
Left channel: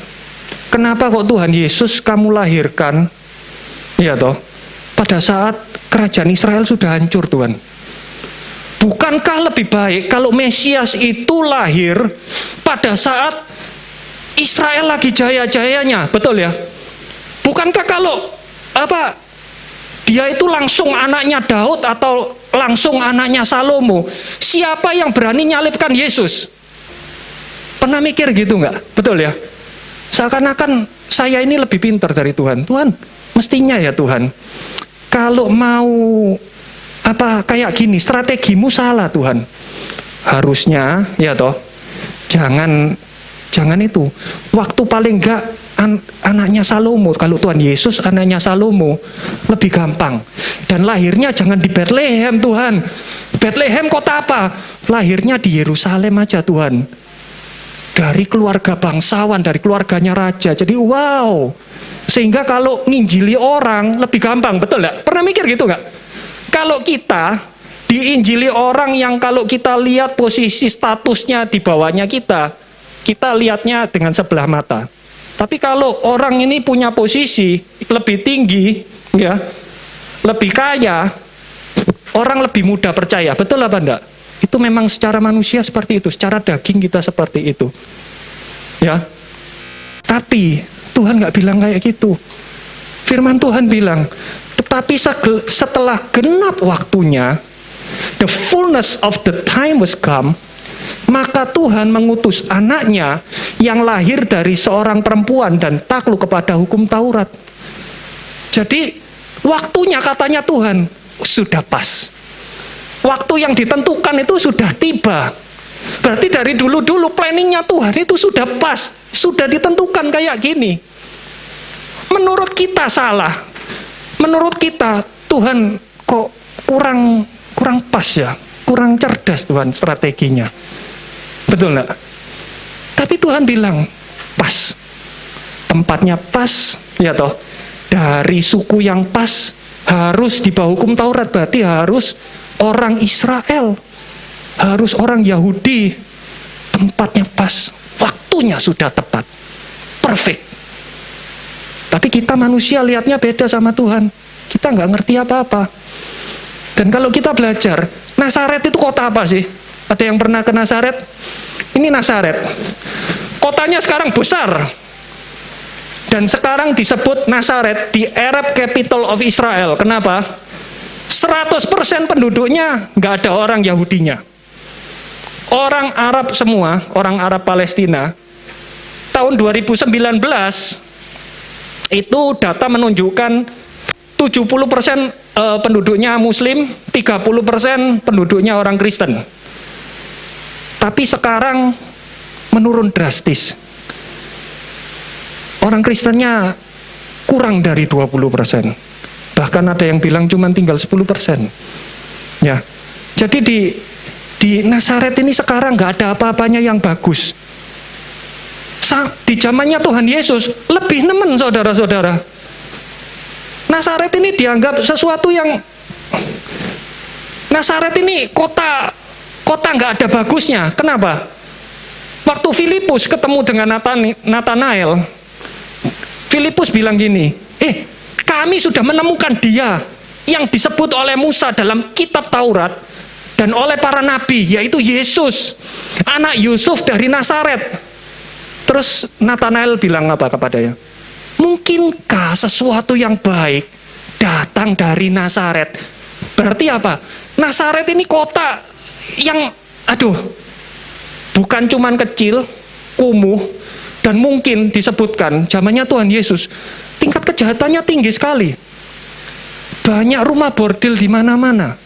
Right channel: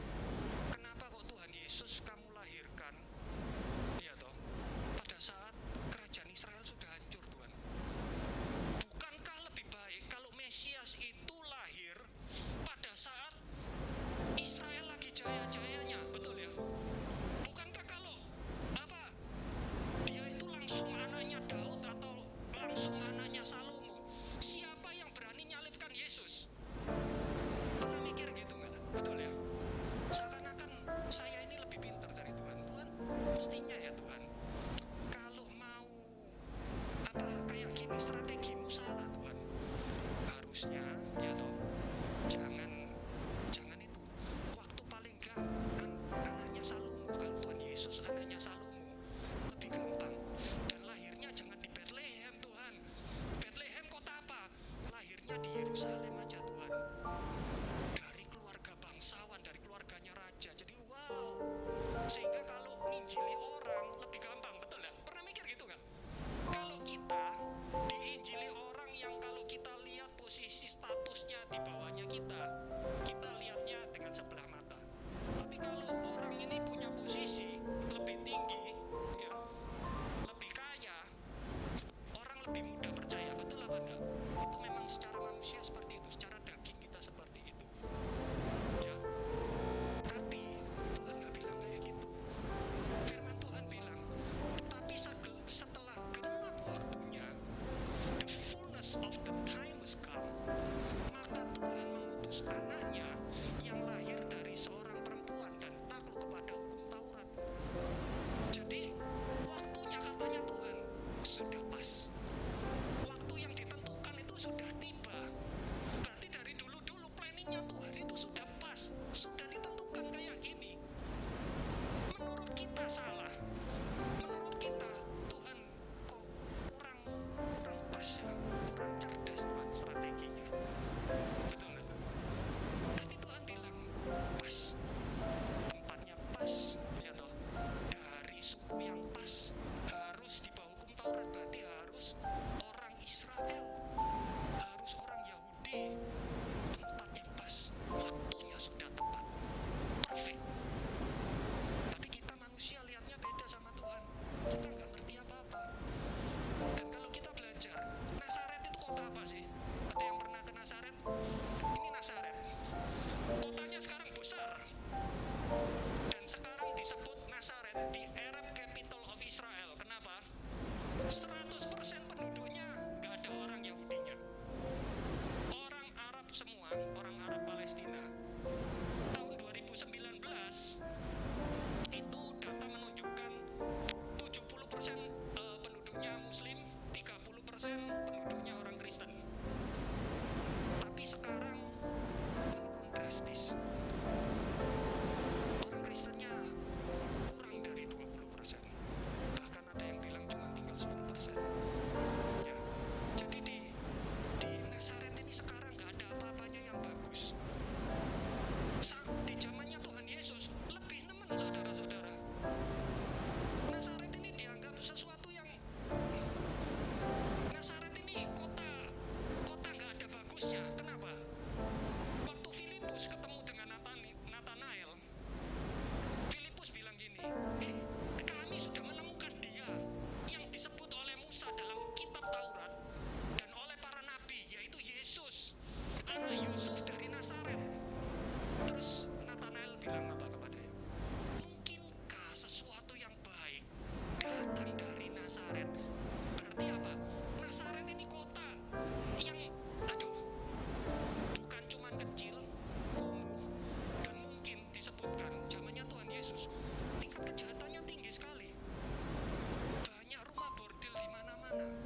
kenapa kok Tuhan Yesus kamu lahirkan, ya toh, pada saat kerajaan Israel sudah hancur, Tuhan? Bukankah lebih baik kalau Mesias itu lahir pada saat Israel lagi jaya-jayanya, betul ya? Bukankah kalau dia itu langsung anaknya Daud atau langsung anaknya Salomo, siapa yang berani nyalibkan Yesus? Pernah mikir gitu nggak? Betul ya? Seakan-akan saya ini lebih pintar dari Tuhan. Tuhan, mestinya ya Tuhan, kalau mau kayak gini, strategimu salah Tuhan. Harusnya ya toh, jangan itu. Waktu paling enggak anaknya Salomo, kalau Tuhan Yesus anaknya Salomo, lebih gampang. Dan lahirnya jangan di Bethlehem Tuhan. Bethlehem kota apa? Lahirnya di Yerusalem aja Tuhan. Dari keluarga bangsawan, dari keluarganya raja. Jadi wow. Sehingga kalau nginjili orang lebih gampang, betul enggak? Pernah mikir gitu enggak? Kalau kita diinjili orang yang kalau kita lihat posisi statusnya di bawahnya kita lihatnya dengan sebelah mata. Tapi kalau orang ini punya posisi lebih tinggi, ya, lebih kaya, orang lebih mudah percaya. Betul apa enggak? Itu memang secara manusia seperti itu, secara daging kita seperti itu. Ya. Tapi Tuhan nggak bilang kayak gitu. Firman Tuhan bilang, tetapi setelah genap waktunya, the fullness of the time was come, maka Tuhan mengutus anaknya yang lahir dari seorang perempuan dan takluk kepada hukum Taurat. Jadi waktunya katanya Tuhan sudah pas. Waktu yang ditentukan itu sudah tiba. Berarti dari dulu-dulu planningnya Tuhan itu sudah pas, sudah ditentukan kayak gini. Menurut kita salah. Menurut kita Tuhan kok kurang pas ya, kurang cerdas Tuhan strateginya. Betul enggak? Tapi Tuhan bilang pas. Tempatnya pas, ya toh. Dari suku yang pas, harus di bawah hukum Taurat, berarti harus orang Israel, harus orang Yahudi. Tempatnya pas, waktunya sudah tepat. Perfect. Tapi kita manusia lihatnya beda sama Tuhan. Kita nggak ngerti apa-apa. Dan kalau kita belajar, Nasaret itu kota apa sih? Ada yang pernah ke Nasaret? Ini Nasaret. Kotanya sekarang besar. Dan sekarang disebut Nasaret, the Arab capital of Israel. Kenapa? 100% penduduknya nggak ada orang Yahudinya. Orang Arab semua, orang Arab Palestina. Tahun 2019, itu data menunjukkan 70% penduduknya Muslim, 30% penduduknya orang Kristen. Tapi sekarang menurun drastis. Orang Kristennya kurang dari 20%. Bahkan ada yang bilang cuma tinggal 10%. Ya. Jadi di Nazaret ini sekarang nggak ada apa-apanya yang bagus. Di zamannya Tuhan Yesus lebih nemen, saudara-saudara. Nazaret ini dianggap sesuatu yang Nazaret ini kota nggak ada bagusnya. Kenapa? Waktu Filipus ketemu dengan Nathanael, Filipus bilang gini, kami sudah menemukan dia yang disebut oleh Musa dalam kitab Taurat dan oleh para nabi, yaitu Yesus, anak Yusuf dari Nazaret. Terus Nathanael bilang apa kepadanya? Mungkinkah sesuatu yang baik datang dari Nazaret? Berarti apa? Nazaret ini kota yang, bukan cuman kecil, kumuh, dan mungkin disebutkan zamannya Tuhan Yesus, tingkat kejahatannya tinggi sekali. Banyak rumah bordil di mana-mana.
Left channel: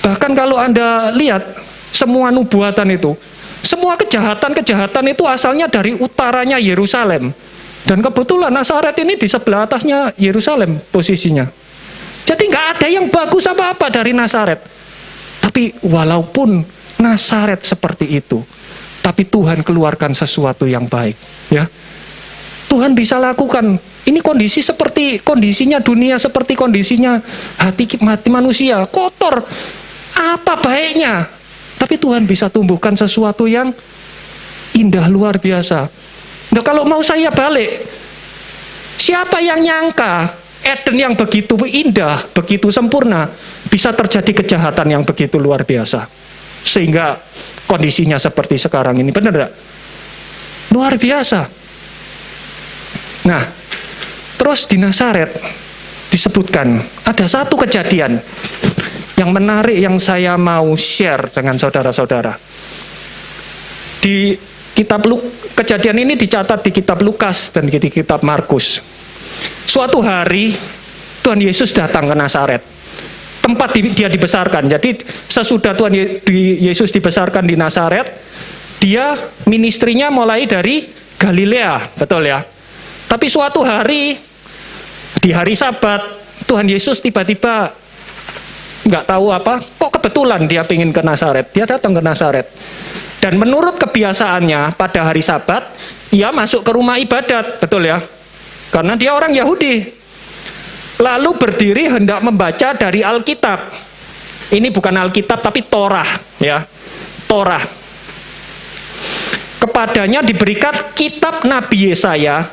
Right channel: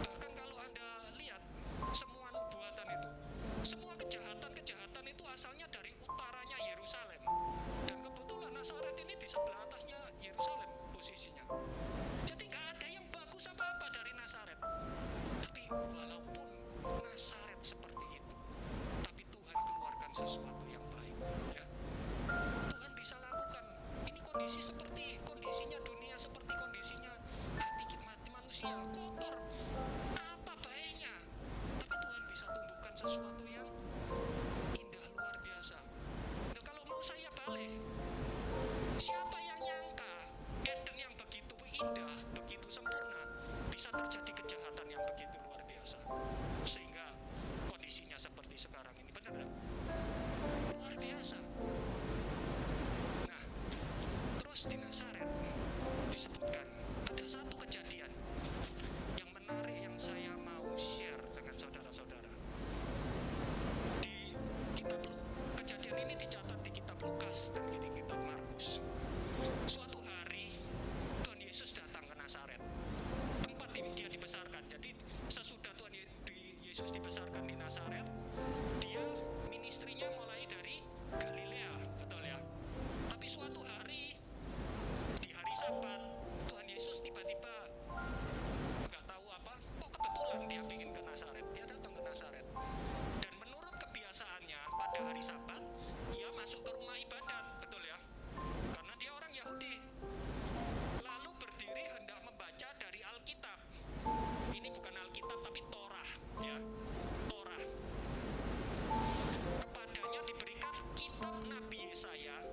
Bahkan kalau Anda lihat semua nubuatan itu, semua kejahatan-kejahatan itu asalnya dari utaranya Yerusalem. Dan kebetulan Nazaret ini di sebelah atasnya Yerusalem posisinya. Jadi nggak ada yang bagus apa-apa dari Nazaret. Tapi walaupun Nazaret seperti itu, tapi Tuhan keluarkan sesuatu yang baik. Ya, Tuhan bisa lakukan. Ini kondisi seperti kondisinya dunia, seperti kondisinya hati manusia, kotor. Apa baiknya? Tapi Tuhan bisa tumbuhkan sesuatu yang indah luar biasa. Nah, kalau mau saya balik, siapa yang nyangka Eden yang begitu indah, begitu sempurna, bisa terjadi kejahatan yang begitu luar biasa. Sehingga kondisinya seperti sekarang ini, benar tidak? Luar biasa. Nah, terus di Nazaret disebutkan, ada satu kejadian yang menarik yang saya mau share dengan saudara-saudara. Di kitab kejadian ini dicatat di kitab Lukas dan di kitab Markus. Suatu hari Tuhan Yesus datang ke Nazaret, tempat dia dibesarkan. Jadi sesudah Tuhan Yesus dibesarkan di Nazaret, dia ministrinya mulai dari Galilea, betul ya. Tapi suatu hari, di hari Sabat, Tuhan Yesus tiba-tiba nggak tahu apa, kok kebetulan dia pingin ke Nazaret. Dia datang ke Nazaret. Dan menurut kebiasaannya pada hari Sabat, ia masuk ke rumah ibadat, betul ya? Karena dia orang Yahudi. Lalu berdiri hendak membaca dari Alkitab. Ini bukan Alkitab tapi Torah, ya. Torah. Kepadanya diberikan kitab Nabi Yesaya,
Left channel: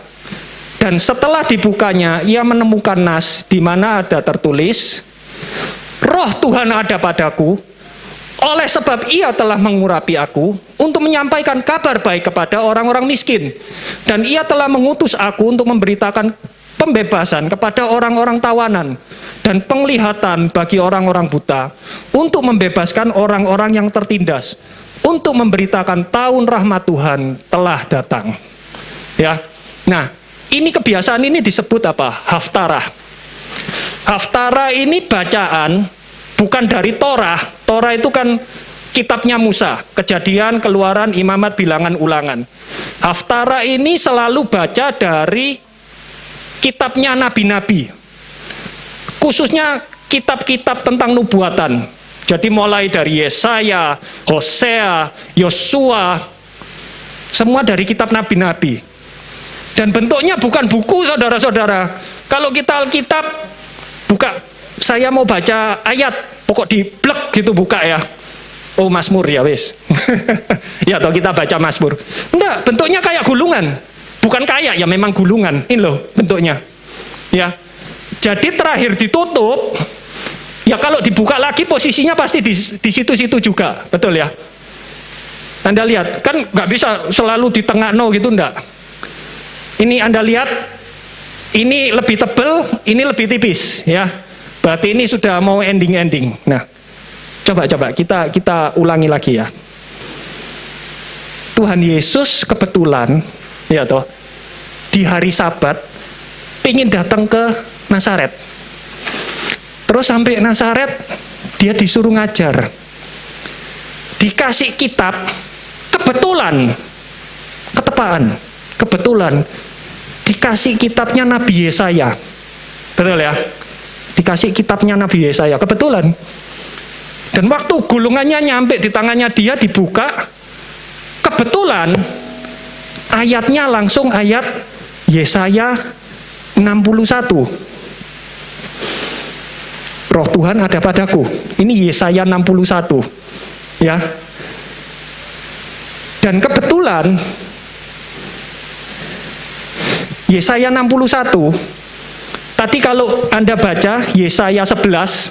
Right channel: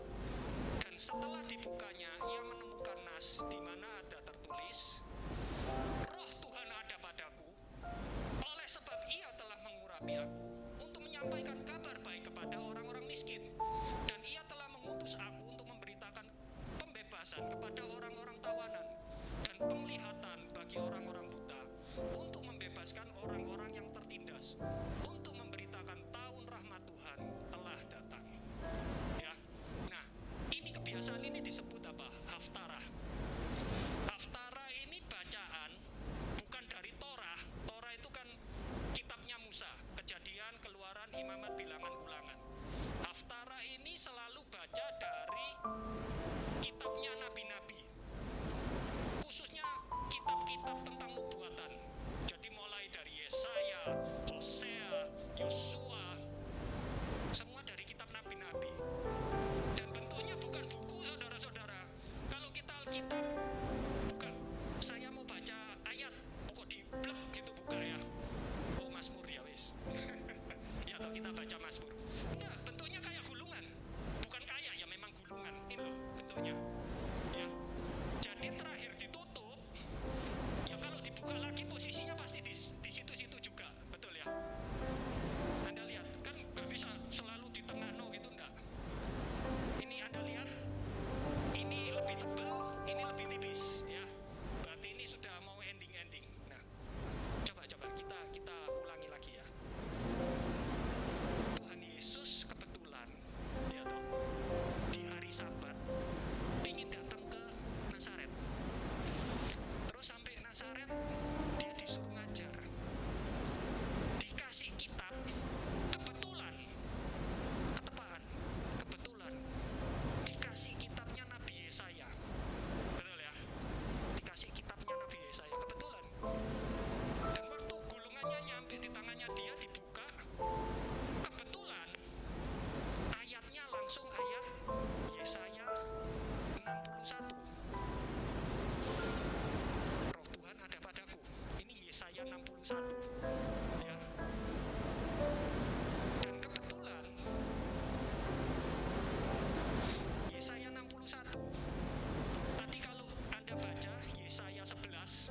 dan setelah dibukanya ia menemukan nas di mana ada tertulis, Roh Tuhan ada padaku, oleh sebab ia telah mengurapi aku untuk menyampaikan kabar baik kepada orang-orang miskin. Dan ia telah mengutus aku untuk memberitakan pembebasan kepada orang-orang tawanan dan penglihatan bagi orang-orang buta, untuk membebaskan orang-orang yang tertindas, untuk memberitakan tahun rahmat Tuhan telah datang. Ya. Nah, ini kebiasaan ini disebut apa? Haftarah. Haftarah ini bacaan bukan dari Torah. Torah itu kan kitabnya Musa, Kejadian, Keluaran, Imamat, Bilangan, Ulangan. Haftarah ini selalu baca dari kitabnya nabi-nabi, khususnya kitab-kitab tentang nubuatan. Jadi mulai dari Yesaya, Hosea, Yosua, semua dari kitab nabi-nabi. Dan bentuknya bukan buku, saudara-saudara. Kalau kita Alkitab buka, saya mau baca ayat, pokok di blek gitu buka ya. Oh, Mazmur ya wis. Ya toh kita baca Mazmur. Enggak, bentuknya kayak gulungan. Bukan kayak, ya memang gulungan. Ini loh bentuknya. Ya. Jadi terakhir ditutup, ya kalau dibuka lagi posisinya pasti di situ-situ juga. Betul ya? Anda lihat, kan nggak bisa selalu di tengah no gitu, enggak. Ini Anda lihat, ini lebih tebal, ini lebih tipis, ya. Berarti ini sudah mau ending-ending. Nah, coba kita ulangi lagi ya. Tuhan Yesus kebetulan, ya toh, di hari Sabat, ingin datang ke Nazaret. Terus sampai Nazaret, dia disuruh ngajar. Dikasih kitab, kebetulan, ketepaan, kebetulan, dikasih kitabnya Nabi Yesaya. Betul ya? Dikasih kitabnya Nabi Yesaya, kebetulan. Dan waktu gulungannya nyampe di tangannya dia, dibuka, kebetulan, ayatnya langsung ayat Yesaya 61. Roh Tuhan ada padaku. Ini Yesaya 61. Ya. Dan kebetulan Yesaya 61. Tadi kalau Anda baca Yesaya 11,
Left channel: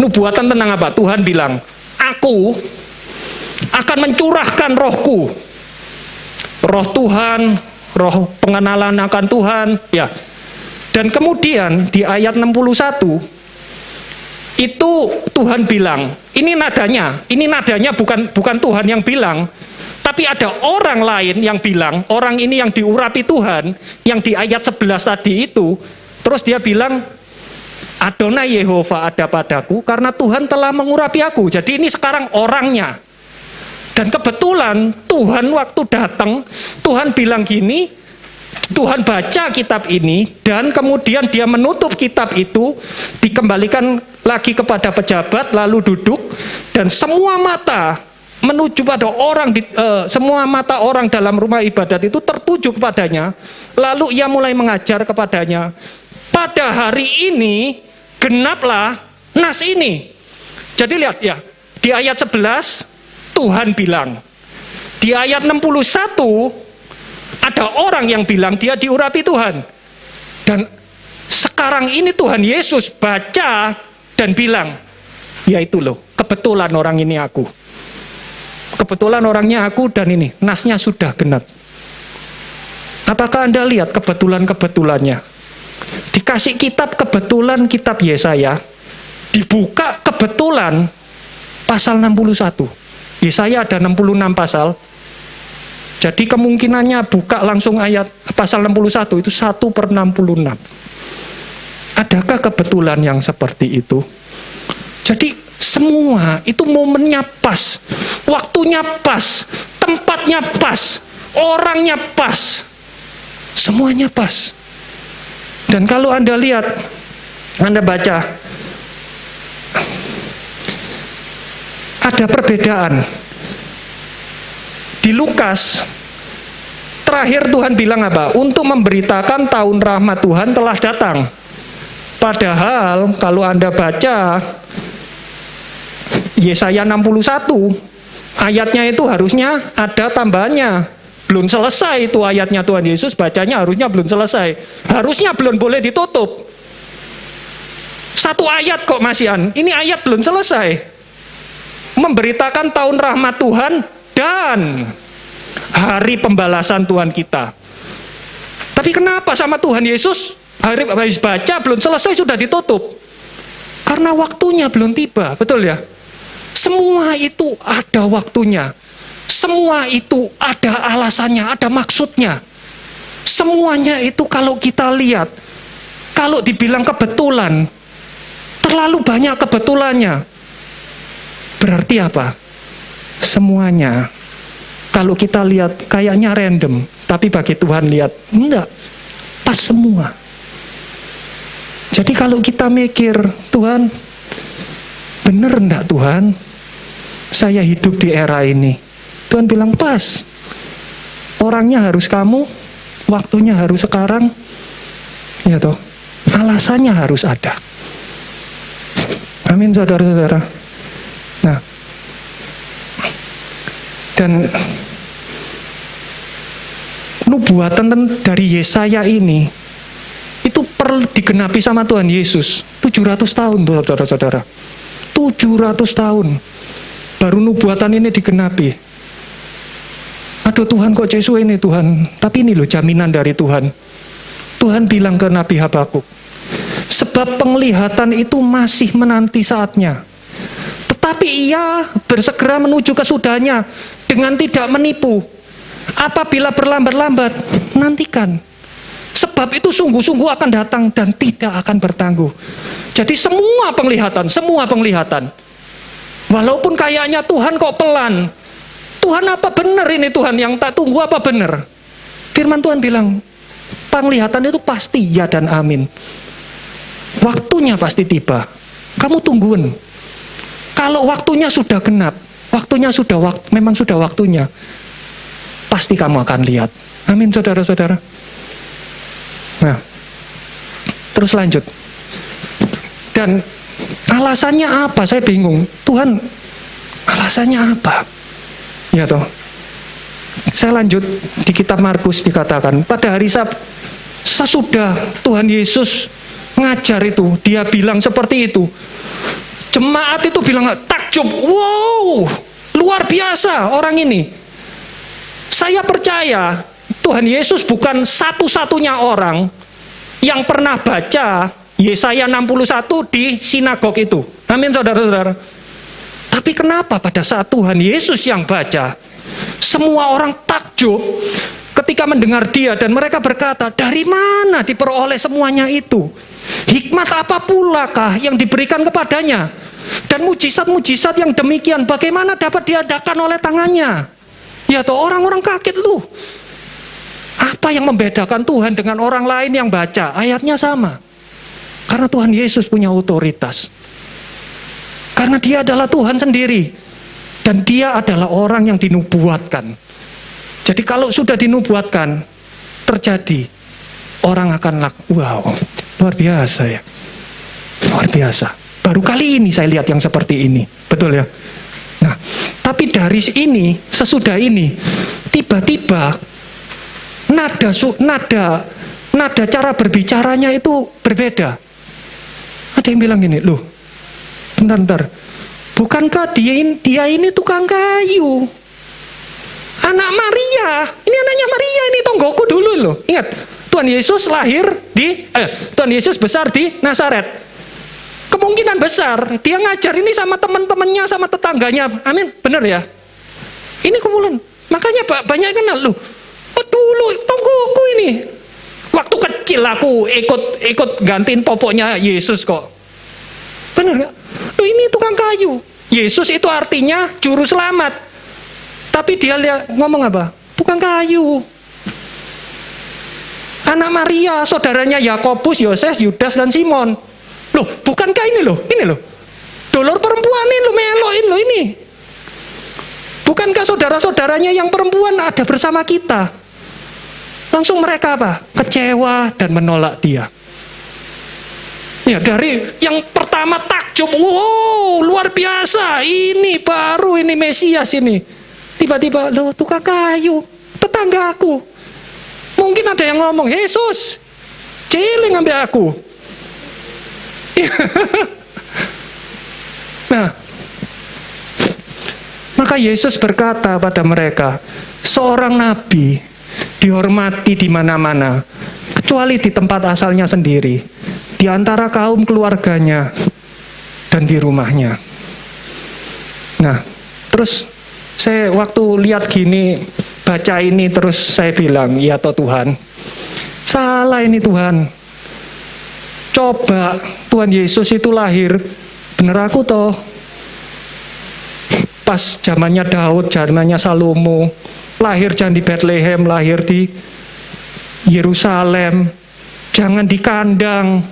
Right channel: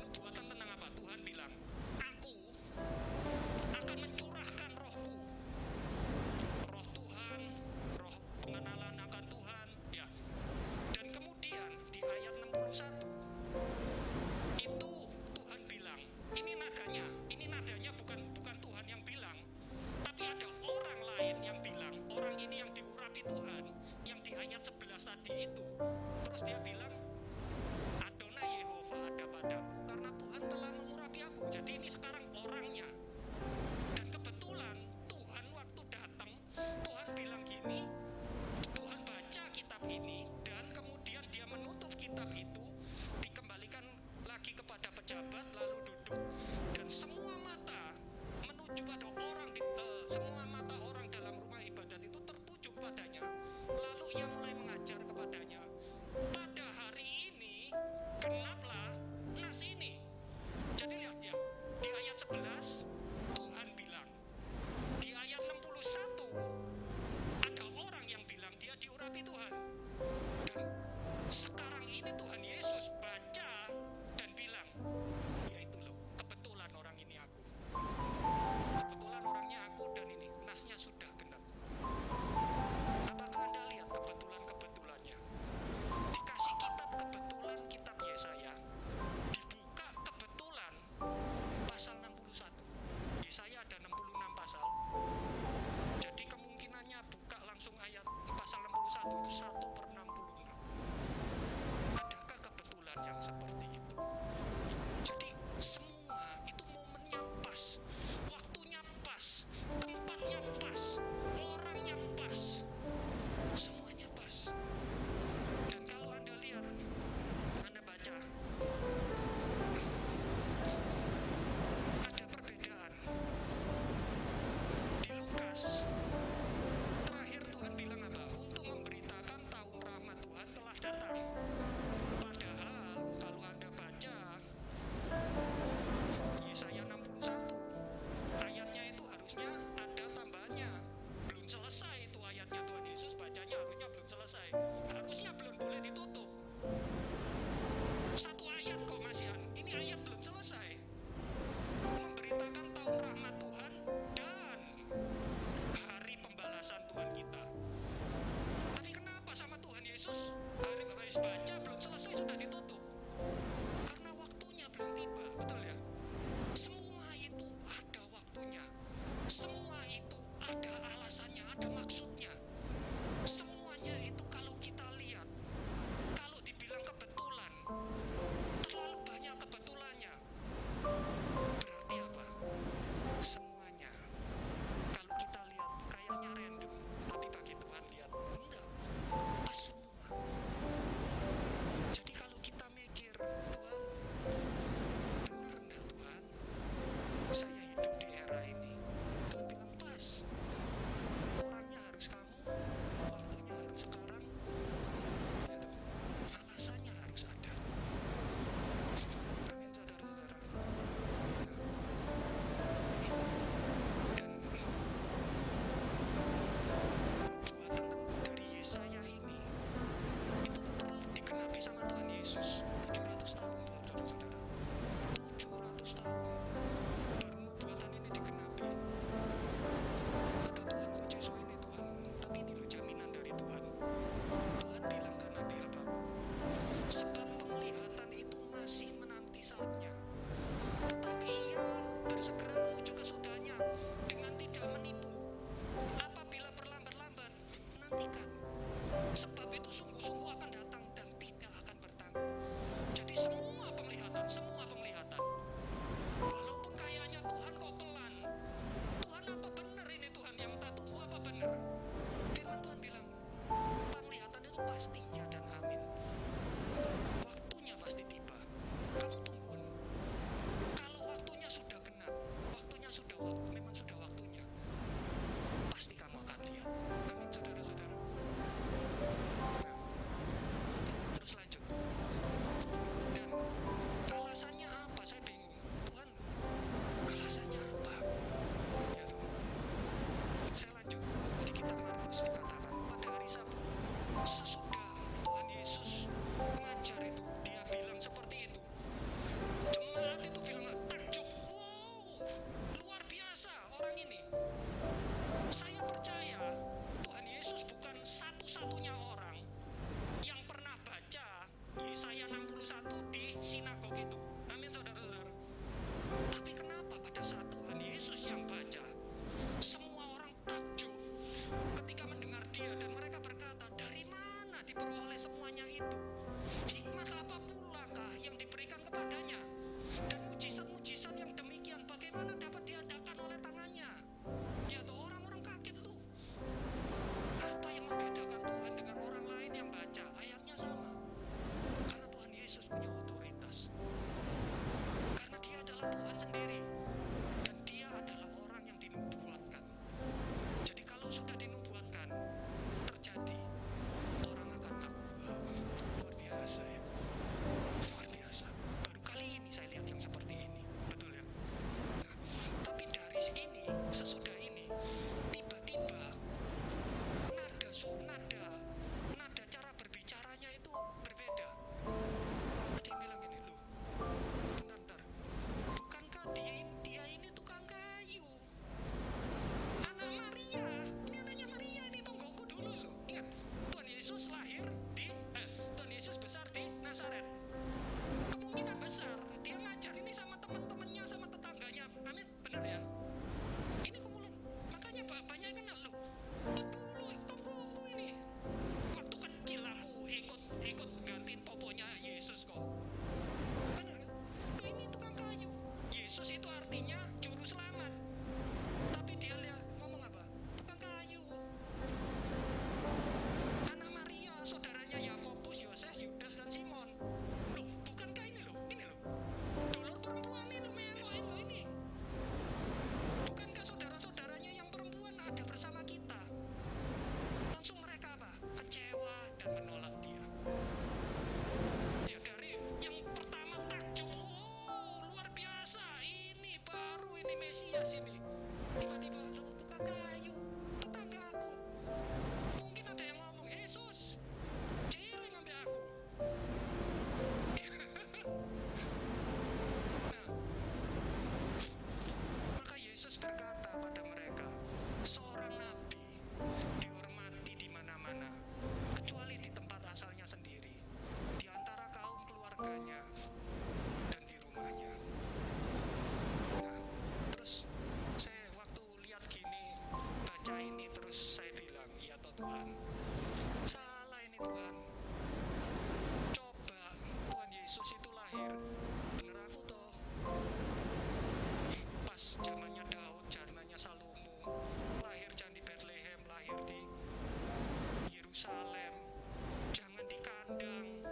nubuatan tentang apa? Tuhan bilang, aku akan mencurahkan rohku. Roh Tuhan, roh pengenalan akan Tuhan, ya. Dan kemudian di ayat 61 itu Tuhan bilang, ini nadanya bukan Tuhan yang bilang, tapi ada orang lain yang bilang, orang ini yang diurapi Tuhan, yang di ayat 11 tadi itu, terus dia bilang, Adonai Yehova ada padaku, karena Tuhan telah mengurapi aku. Jadi ini sekarang orangnya. Dan kebetulan Tuhan waktu datang, Tuhan bilang gini, Tuhan baca kitab ini, dan kemudian dia menutup kitab itu, dikembalikan lagi kepada pejabat, lalu duduk, dan semua mata menuju pada orang, semua mata orang dalam rumah ibadat itu tertuju kepadanya, lalu ia mulai mengajar kepadanya, pada hari ini, genaplah nas ini. Jadi lihat ya, di ayat 11, Tuhan bilang, di ayat 61, ada orang yang bilang dia diurapi Tuhan. Dan sekarang ini Tuhan Yesus baca dan bilang, ya itu loh, kebetulan orang ini aku. Kebetulan orangnya aku dan ini, nasnya sudah genap. Apakah Anda lihat kebetulan-kebetulannya? Dikasih kitab kebetulan, kitab Yesaya, dibuka kebetulan pasal 61. Yesaya ada 66 pasal. Jadi kemungkinannya buka langsung ayat pasal 61 itu 1/66. Adakah kebetulan yang seperti itu? Jadi semua itu momennya pas, waktunya pas, tempatnya pas, orangnya pas, semuanya pas. Dan kalau Anda lihat, Anda baca, ada perbedaan. Di Lukas, terakhir Tuhan bilang apa? Untuk memberitakan tahun rahmat Tuhan telah datang. Padahal kalau Anda baca Yesaya 61, ayatnya itu harusnya ada tambahannya. Belum selesai itu ayatnya Tuhan Yesus, bacanya harusnya belum selesai. Harusnya belum boleh ditutup. Satu ayat kok masihan, ini ayat belum selesai. Memberitakan tahun rahmat Tuhan dan hari pembalasan Tuhan kita. Tapi kenapa sama Tuhan Yesus hari habis baca belum selesai sudah ditutup? Karena waktunya belum tiba, betul ya? Semua itu ada waktunya. Semua itu ada alasannya, ada maksudnya. Semuanya itu kalau kita lihat, kalau dibilang kebetulan, terlalu banyak kebetulannya. Berarti apa? Semuanya, kalau kita lihat kayaknya random, tapi bagi Tuhan lihat, enggak, pas semua. Jadi kalau kita mikir, Tuhan, bener enggak Tuhan, saya hidup di era ini? Tuhan bilang pas, orangnya harus kamu, waktunya harus sekarang, ya toh, alasannya harus ada. Amin saudara-saudara. Nah, dan nubuatan dari Yesaya ini itu perlu digenapi sama Tuhan Yesus 700 tahun saudara-saudara. 700 tahun baru nubuatan ini digenapi. Aduh Tuhan kok Yesus ini Tuhan, tapi ini loh jaminan dari Tuhan. Tuhan bilang ke Nabi Habakuk, sebab penglihatan itu masih menanti saatnya, tetapi ia bersegera menuju kesudahannya dengan tidak menipu. Apabila berlambat-lambat, nantikan. Sebab itu sungguh-sungguh akan datang dan tidak akan bertangguh. Jadi semua penglihatan. Walaupun kayaknya Tuhan kok pelan. Tuhan apa benar ini Tuhan yang tak tunggu apa benar? Firman Tuhan bilang, penglihatan itu pasti ya dan amin. Waktunya pasti tiba. Kamu tungguin. Kalau waktunya sudah genap, memang sudah waktunya, pasti kamu akan lihat. Amin, saudara-saudara. Nah, terus lanjut. Dan alasannya apa? Saya bingung. Tuhan, alasannya apa? Ya toh. Saya lanjut di kitab Markus dikatakan, pada hari sesudah Tuhan Yesus ngajar itu, dia bilang seperti itu. Jemaat itu bilang takjub, wow, luar biasa orang ini. Saya percaya Tuhan Yesus bukan satu-satunya orang yang pernah baca Yesaya 61 di sinagog itu. Amin, saudara-saudara. Tapi kenapa pada saat Tuhan Yesus yang baca, semua orang takjub ketika mendengar dia, dan mereka berkata, dari mana diperoleh semuanya itu? Hikmat apa pula kah yang diberikan kepadanya? Dan mujizat-mujizat yang demikian bagaimana dapat diadakan oleh tangannya? Ya toh, orang-orang kaget lu. Apa yang membedakan Tuhan dengan orang lain yang baca? Ayatnya sama. Karena Tuhan Yesus punya otoritas. Karena dia adalah Tuhan sendiri. Dan dia adalah orang yang dinubuatkan. Jadi kalau sudah dinubuatkan, terjadi. Orang akan wow, luar biasa ya. Luar biasa. Baru kali ini saya lihat yang seperti ini. Betul ya? Nah, tapi dari ini, sesudah ini, tiba-tiba nada cara berbicaranya itu berbeda. Ada yang bilang gini, loh, bentar. Bukankah dia ini tukang kayu? Anak Maria, ini anaknya Maria, ini tonggoku dulu loh. Ingat, Tuhan Yesus Tuhan Yesus besar di Nazaret. Kemungkinan besar dia ngajar ini sama teman-temannya, sama tetangganya. Amin, benar ya? Ini kemudian, makanya banyak yang kenal loh. Dulu tonggoku ini. Waktu kecil aku ikut gantiin popoknya Yesus kok. Benar gak? Loh, ini tukang kayu. Yesus itu artinya juru selamat. Tapi dia ngomong apa? Tukang kayu. Anak Maria, saudaranya Yakobus, Yoses, Yudas, dan Simon. Loh, bukankah ini loh? Dolor perempuan ini loh, meloin loh ini. Bukankah saudara-saudaranya yang perempuan ada bersama kita? Langsung mereka apa? Kecewa dan menolak dia. Ya, dari yang pertama takjub, wow, luar biasa, ini baru, ini Mesias ini. Tiba-tiba, loh, tukang kayu, tetanggaku. Mungkin ada yang ngomong, Yesus, ciling ambil aku. Nah, maka Yesus berkata pada mereka, seorang nabi dihormati di mana-mana, kecuali di tempat asalnya sendiri, di antara kaum keluarganya, dan di rumahnya. Nah, terus saya waktu lihat gini, baca ini, terus saya bilang, ya toh Tuhan, salah ini Tuhan. Coba Tuhan Yesus itu lahir, bener aku toh, pas zamannya Daud, zamannya Salomo, lahir jangan di Bethlehem, lahir di Yerusalem, jangan di kandang,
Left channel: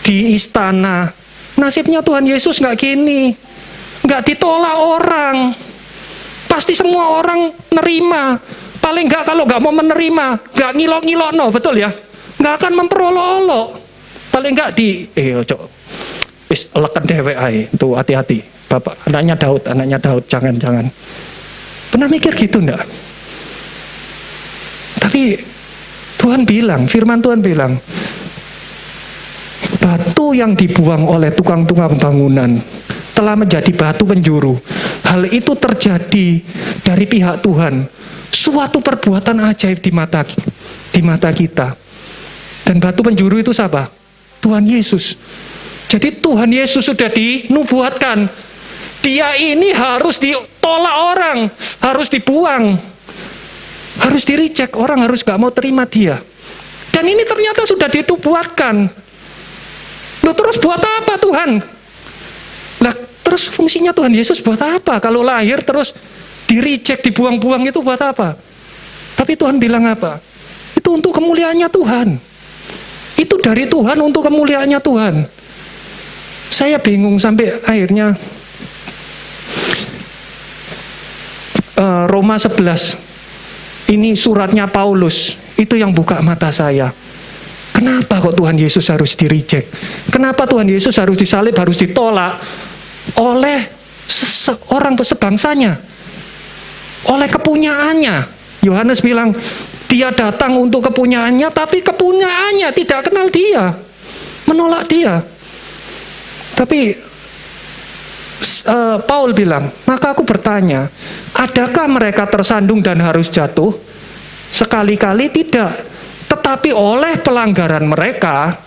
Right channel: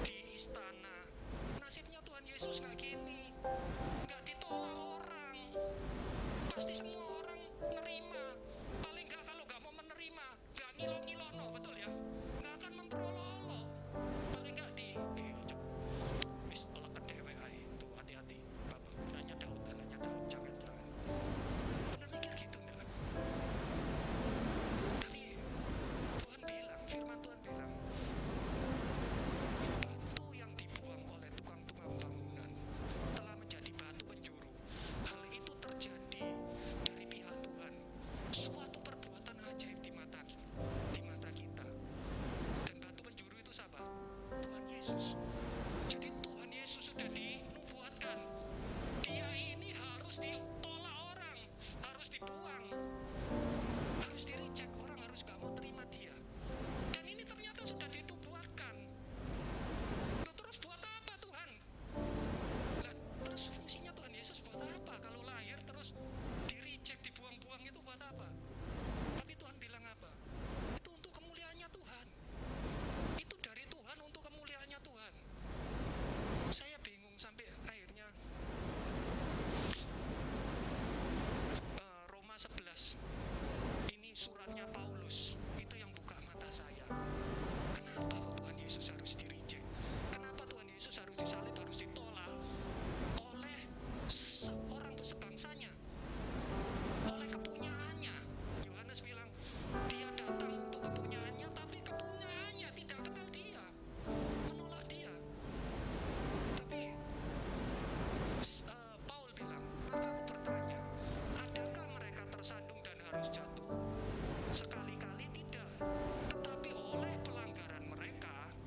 di istana. Nasibnya Tuhan Yesus nggak gini, nggak ditolak orang, pasti semua orang nerima. Paling nggak kalau nggak mau menerima, nggak ngilok-ngilok, no, betul ya, nggak akan memperolok-olok. Paling nggak leken dewek ae, tuh hati-hati. Bapak, anaknya Daud, jangan. Pernah mikir gitu enggak? Tapi Tuhan bilang, firman Tuhan bilang, batu yang dibuang oleh tukang-tukang bangunan telah menjadi batu penjuru. Hal itu terjadi dari pihak Tuhan. Suatu perbuatan ajaib di mata kita. Dan batu penjuru itu siapa? Tuhan Yesus. Jadi Tuhan Yesus sudah dinubuatkan. Dia ini harus ditolak orang, harus dibuang, harus di-reject, orang harus gak mau terima dia. Dan ini ternyata sudah dinubuatkan. Loh, terus buat apa Tuhan? Lah, terus fungsinya Tuhan Yesus buat apa? Kalau lahir terus di-reject, dibuang-buang, itu buat apa? Tapi Tuhan bilang apa? Itu untuk kemuliaannya Tuhan. Itu dari Tuhan untuk kemuliaannya Tuhan. Saya bingung sampai akhirnya Roma 11. Ini suratnya Paulus. Itu yang buka mata saya. Kenapa kok Tuhan Yesus harus di-reject? Kenapa Tuhan Yesus harus disalib, harus ditolak oleh orang sebangsanya? Oleh kepunyaannya. Yohanes bilang, dia datang untuk kepunyaannya, tapi kepunyaannya tidak kenal dia. Menolak dia. Tapi Paul bilang, maka aku bertanya, adakah mereka tersandung dan harus jatuh? Sekali-kali tidak. Tetapi oleh pelanggaran mereka,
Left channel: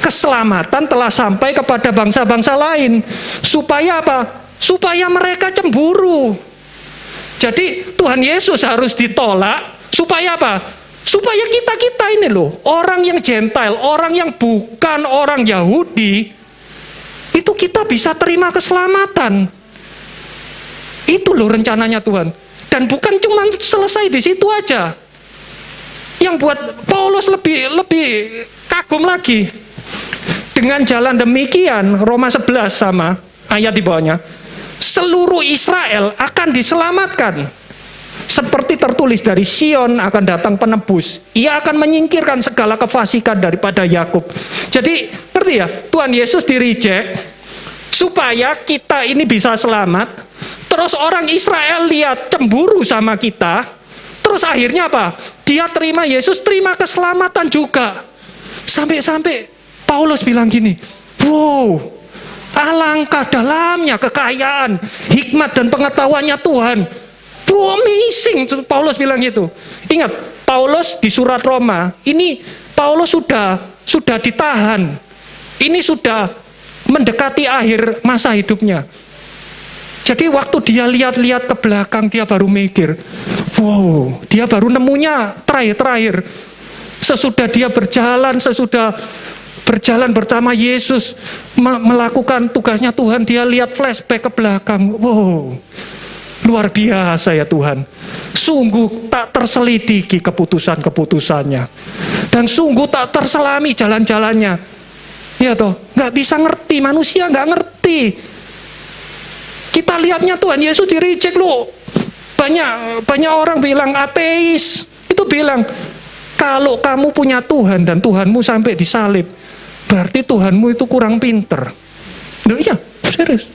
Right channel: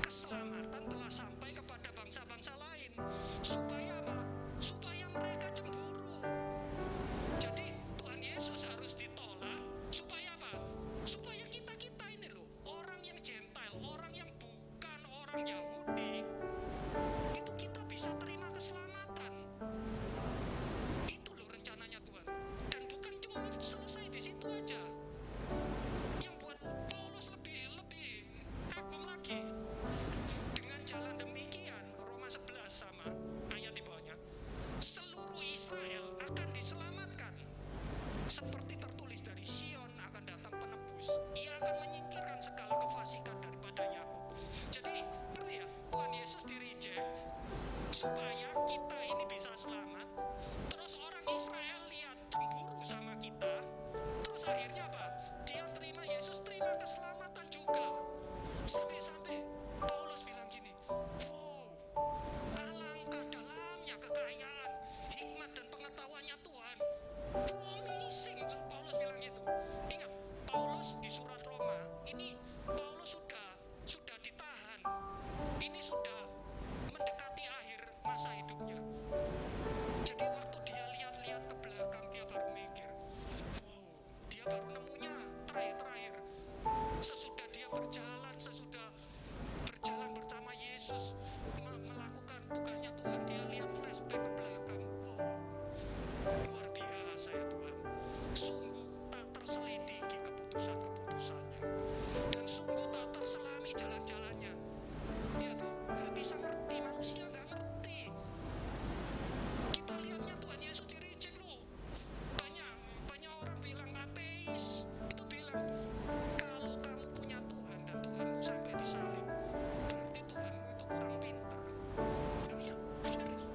keselamatan telah sampai kepada bangsa-bangsa lain. Supaya apa? Supaya mereka cemburu. Jadi Tuhan Yesus harus ditolak. Supaya apa? Supaya kita-kita ini loh, orang yang Gentile, orang yang bukan orang Yahudi, itu kita bisa terima keselamatan. Itu loh rencananya Tuhan. Dan bukan cuma selesai di situ aja. Yang buat Paulus lebih kagum lagi. Dengan jalan demikian, Roma 11 sama ayat di bawahnya, seluruh Israel akan diselamatkan. Seperti tertulis, dari Sion akan datang penebus. Ia akan menyingkirkan segala kefasikan daripada Yakub. Jadi, ngerti ya? Tuhan Yesus di-reject supaya kita ini bisa selamat. Terus orang Israel lihat cemburu sama kita. Terus akhirnya apa? Dia terima Yesus, terima keselamatan juga. Sampai-sampai Paulus bilang gini, wow, alangkah dalamnya kekayaan, hikmat dan pengetahuannya Tuhan. Wow, amazing, Paulus bilang gitu. Ingat, Paulus di surat Roma, ini Paulus sudah ditahan. Ini sudah mendekati akhir masa hidupnya. Jadi waktu dia lihat-lihat ke belakang, dia baru mikir, wow, dia baru nemunya terakhir-terakhir. Sesudah dia berjalan bersama Yesus, melakukan tugasnya Tuhan, dia lihat flashback ke belakang. Wow, luar biasa ya Tuhan. Sungguh tak terselidiki keputusan-keputusannya. Dan sungguh tak terselami jalan-jalannya. Ya toh, nggak bisa ngerti, manusia nggak ngerti. Kita lihatnya Tuhan Yesus di-reject loh. Banyak orang bilang ateis. Itu bilang, kalau kamu punya Tuhan dan Tuhanmu sampai disalib, berarti Tuhanmu itu kurang pinter. Loh iya, serius.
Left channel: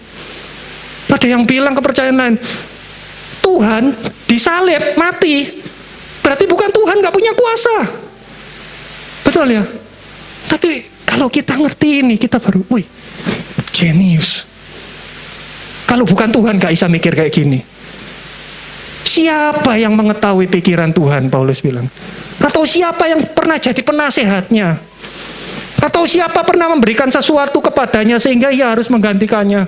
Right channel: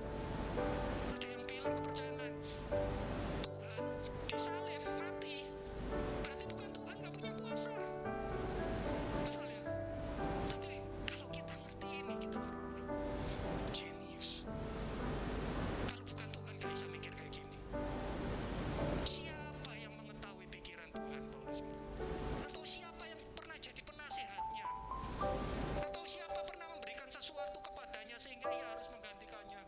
Ada yang bilang kepercayaan lain, Tuhan disalib, mati, berarti bukan Tuhan, gak punya kuasa. Betul ya? Tapi kalau kita ngerti ini, kita baru, wih, jenius. Kalau bukan Tuhan gak bisa mikir kayak gini. Siapa yang mengetahui pikiran Tuhan, Paulus bilang. Atau siapa yang pernah jadi penasehatnya. Atau siapa pernah memberikan sesuatu kepadanya sehingga ia harus menggantikannya.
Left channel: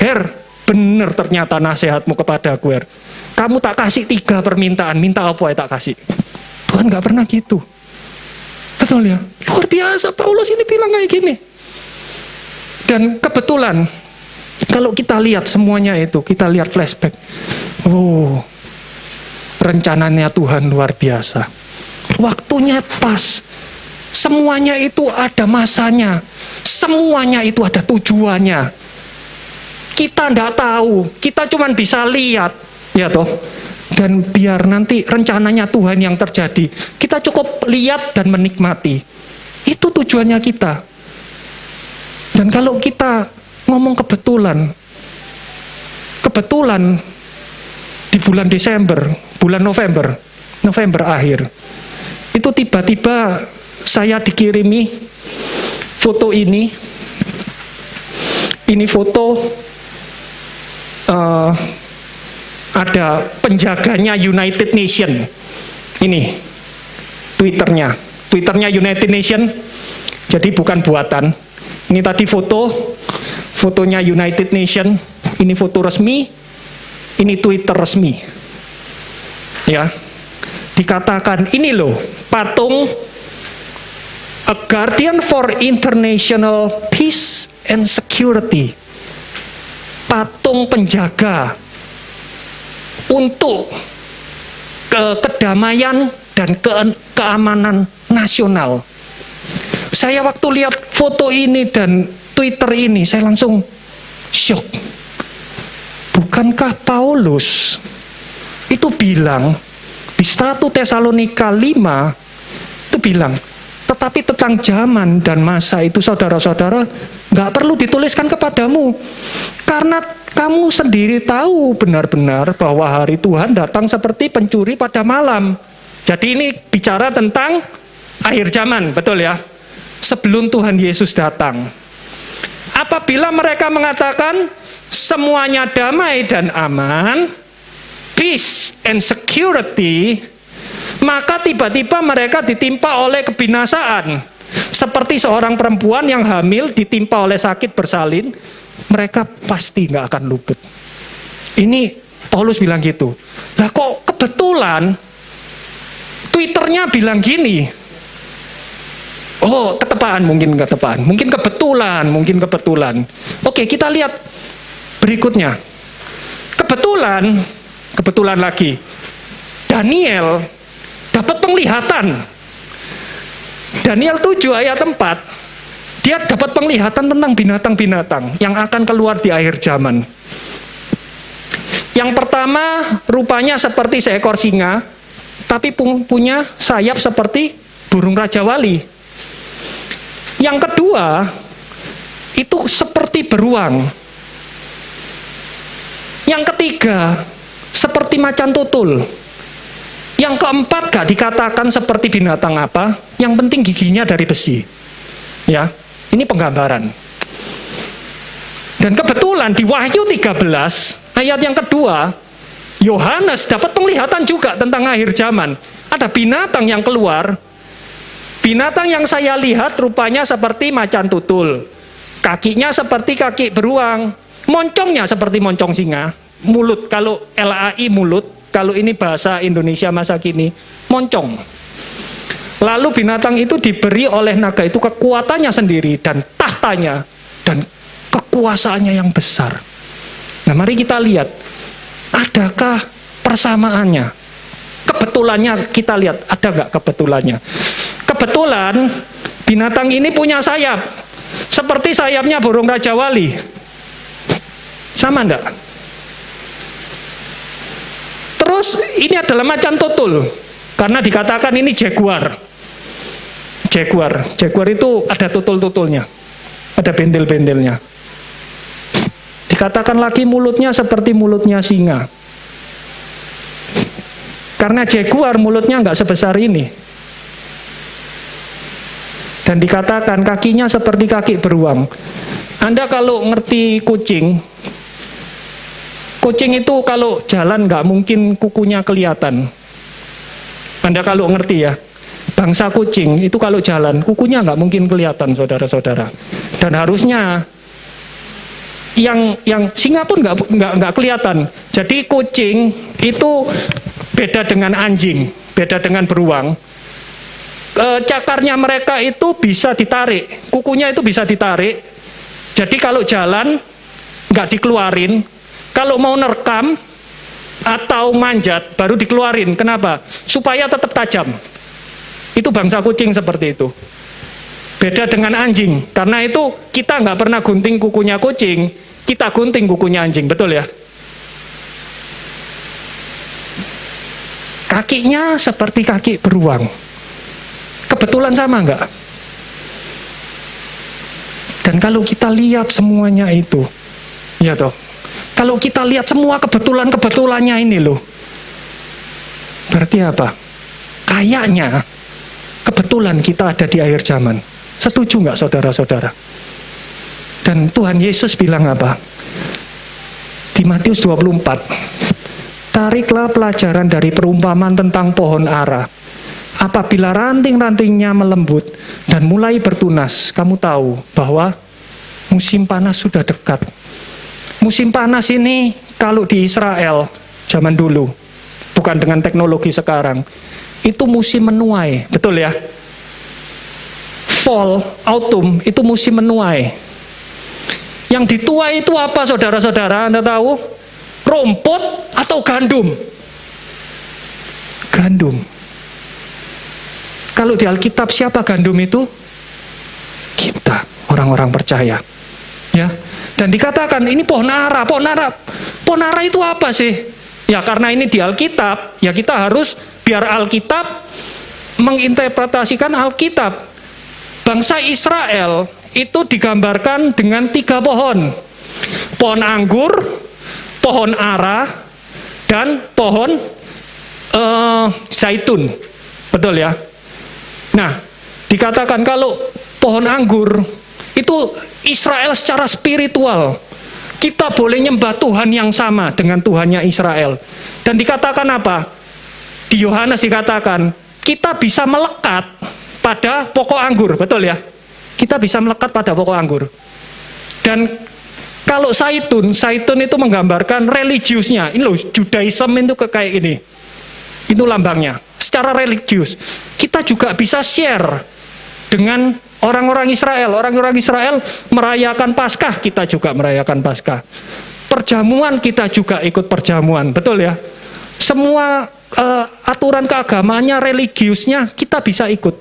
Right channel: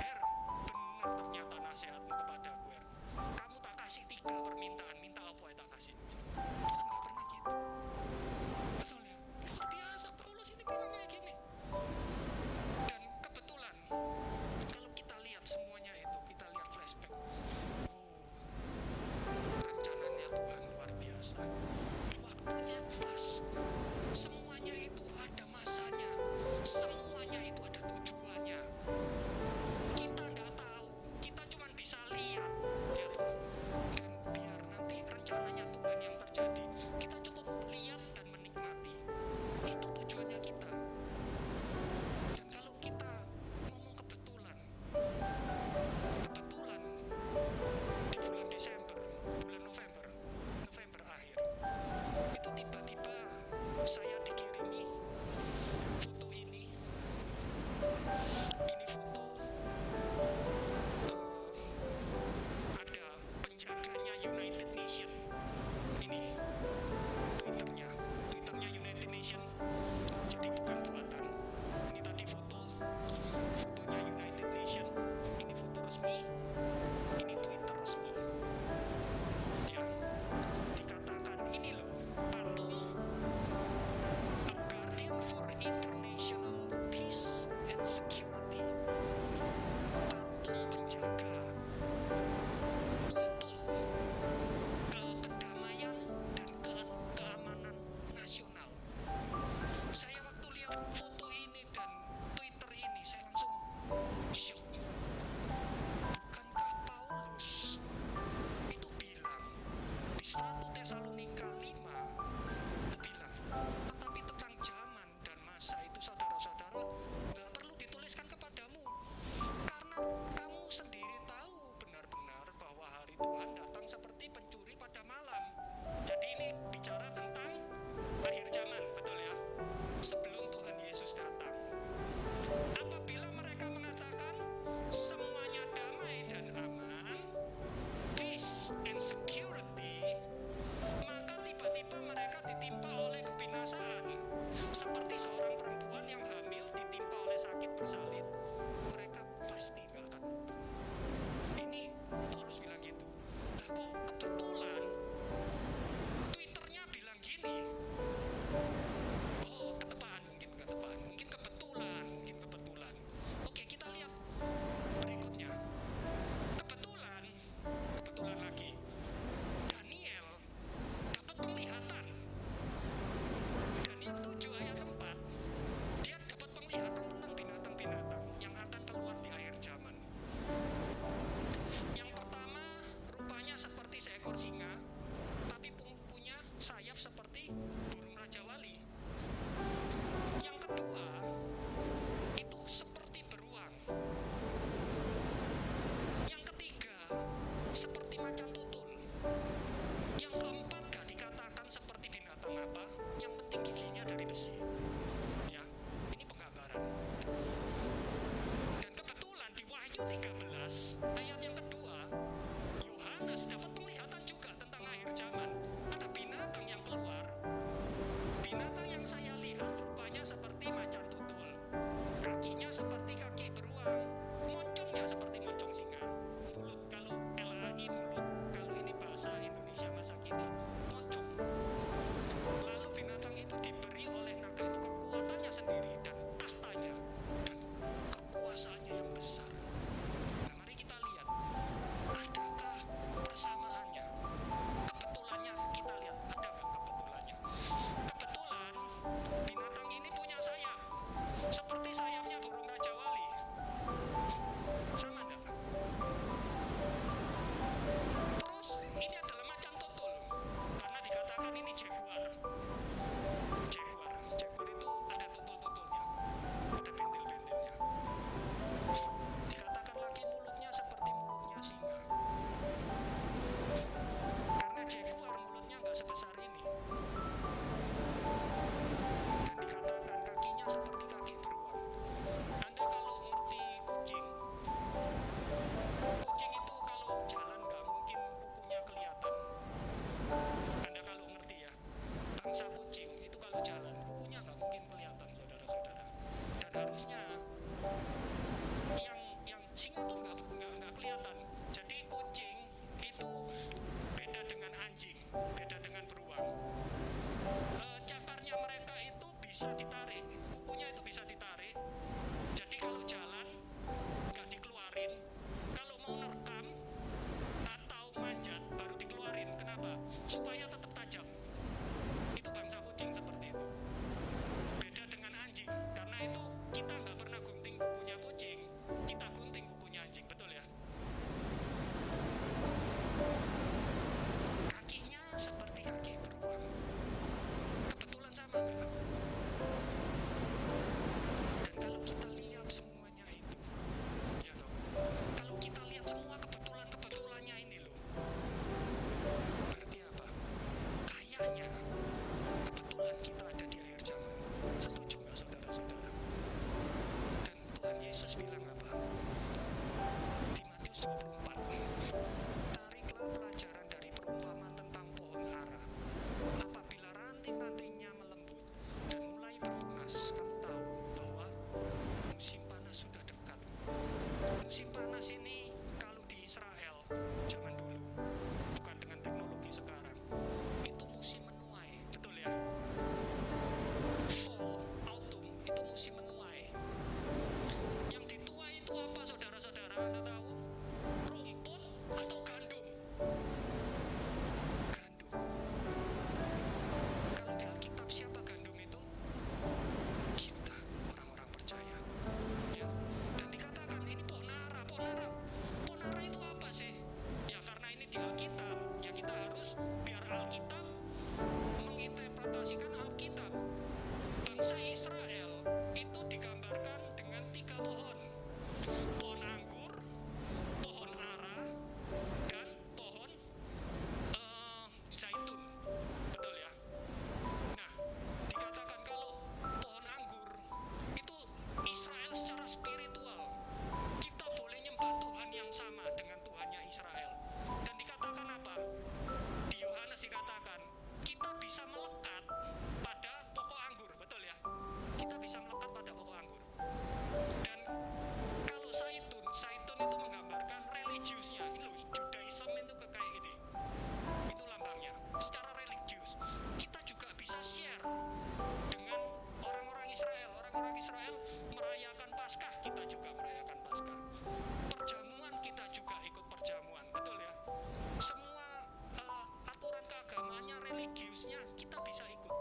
Her, benar ternyata nasihatmu kepadaku, Her. Kamu tak kasih 3 permintaan, minta apa ya tak kasih. Tuhan gak pernah gitu. Betul ya? Luar biasa, Paulus ini bilang kayak gini. Dan kebetulan, kalau kita lihat semuanya itu, kita lihat flashback. Oh, rencananya Tuhan luar biasa. Waktunya pas. Semuanya itu ada masanya. Semuanya itu ada tujuannya. Kita enggak tahu. Kita cuma bisa lihat. Ya toh. Dan biar nanti rencananya Tuhan yang terjadi. Kita cukup lihat dan menikmati. Itu tujuannya kita. Dan kalau kita ngomong kebetulan di bulan Desember, bulan November akhir, itu tiba-tiba saya dikirimi foto ini foto ada penjaganya United Nation. Ini Twitternya United Nation, jadi bukan buatan. Ini tadi fotonya United Nation, ini foto resmi, ini Twitter resmi. Ya, dikatakan ini loh patung A guardian for international peace and security. Patung penjaga untuk kedamaian dan keamanan nasional. Saya waktu lihat foto ini dan Twitter ini, saya langsung syok. Bukankah Paulus itu bilang di 1 Tesalonika 5 itu bilang, tetapi tentang zaman dan masa itu saudara-saudara nggak perlu dituliskan kepadamu, karena kamu sendiri tahu benar-benar bahwa hari Tuhan datang seperti pencuri pada malam. Jadi ini bicara tentang akhir zaman, betul ya? Sebelum Tuhan Yesus datang. Apabila mereka mengatakan semuanya damai dan aman, peace and security, maka tiba-tiba mereka ditimpa oleh kebinasaan. Seperti seorang perempuan yang hamil ditimpa oleh sakit bersalin, mereka pasti nggak akan luput. Ini Paulus bilang gitu. Lah kok kebetulan Twitternya bilang gini. Oh, ketepaan, mungkin ketepaan. Mungkin kebetulan. Oke, kita lihat berikutnya. Kebetulan lagi. Daniel dapat penglihatan. Daniel 7 ayat 4, dia dapat penglihatan tentang binatang-binatang yang akan keluar di akhir zaman. Yang pertama, rupanya seperti seekor singa, tapi punya sayap seperti burung Raja Wali. Yang kedua, itu seperti beruang. Yang ketiga, seperti macan tutul. Yang keempat gak dikatakan seperti binatang apa, yang penting giginya dari besi. Ya, ini penggambaran. Dan kebetulan di Wahyu 13, ayat yang kedua, Yohanes dapat penglihatan juga tentang akhir zaman. Ada binatang yang keluar. Binatang yang saya lihat rupanya seperti macan tutul. Kakinya seperti kaki beruang. Moncongnya seperti moncong singa. Mulut, kalau LAI mulut. Kalau ini bahasa Indonesia masa kini, moncong. Lalu binatang itu diberi oleh naga itu kekuatannya sendiri dan tahtanya dan kekuasaannya yang besar. Nah, mari kita lihat, adakah persamaannya? Kebetulannya kita lihat, ada nggak kebetulannya? Kebetulan binatang ini punya sayap, seperti sayapnya burung Raja Wali. Sama enggak? Terus ini adalah macan tutul, karena dikatakan ini jaguar. Jaguar itu ada tutul-tutulnya, ada bendel-bendelnya. Dikatakan lagi mulutnya seperti mulutnya singa. Karena jaguar mulutnya nggak sebesar ini. Dan dikatakan kakinya seperti kaki beruang. Anda kalau ngerti kucing itu kalau jalan nggak mungkin kukunya kelihatan. Anda kalau ngerti ya, bangsa kucing itu kalau jalan kukunya nggak mungkin kelihatan, saudara-saudara. Dan harusnya yang singa pun nggak kelihatan. Jadi kucing itu beda dengan anjing, beda dengan beruang. Cakarnya mereka itu bisa ditarik, kukunya itu bisa ditarik. Jadi kalau jalan nggak dikeluarin. Kalau mau nerekam atau manjat baru dikeluarin. Kenapa? Supaya tetap tajam. Itu bangsa kucing seperti itu. Beda dengan anjing. Karena itu kita nggak pernah gunting kukunya kucing, kita gunting kukunya anjing. Betul ya? Kakinya seperti kaki beruang. Kebetulan sama nggak? Dan kalau kita lihat semuanya itu, ya toh. Kalau kita lihat semua kebetulannya ini loh, berarti apa? Kayaknya kebetulan kita ada di akhir zaman. Setuju nggak saudara-saudara? Dan Tuhan Yesus bilang apa? Di Matius 24, tariklah pelajaran dari perumpamaan tentang pohon ara. Apabila ranting-rantingnya melembut dan mulai bertunas, kamu tahu bahwa musim panas sudah dekat. Musim panas ini kalau di Israel zaman dulu, bukan dengan teknologi sekarang, itu musim menuai, betul ya? fall, autumn, itu musim menuai. Yang dituai itu apa saudara-saudara? Anda tahu? Rumput atau gandum? Gandum. Kalau di Alkitab siapa gandum itu? Kita, orang-orang percaya. Ya. Dan dikatakan ini pohon ara. Pohon ara itu apa sih? Ya karena ini di Alkitab, ya kita harus biar Alkitab menginterpretasikan Alkitab. Bangsa Israel itu digambarkan dengan 3 pohon. Pohon anggur, pohon ara, dan pohon zaitun. Betul ya? Nah, dikatakan kalau pohon anggur itu Israel secara spiritual. Kita boleh nyembah Tuhan yang sama dengan Tuhannya Israel. Dan dikatakan apa? Di Yohanes dikatakan, kita bisa melekat pada pokok anggur, betul ya? Kita bisa melekat pada pokok anggur. Dan kalau zaitun itu menggambarkan religiusnya. Ini loh, Judaism itu kayak ini. Itu lambangnya. Secara religius, kita juga bisa share dengan orang-orang Israel. Orang-orang Israel merayakan Paskah, kita juga merayakan Paskah. Perjamuan, kita juga ikut perjamuan, betul ya? Semua aturan keagamaannya, religiusnya, kita bisa ikut.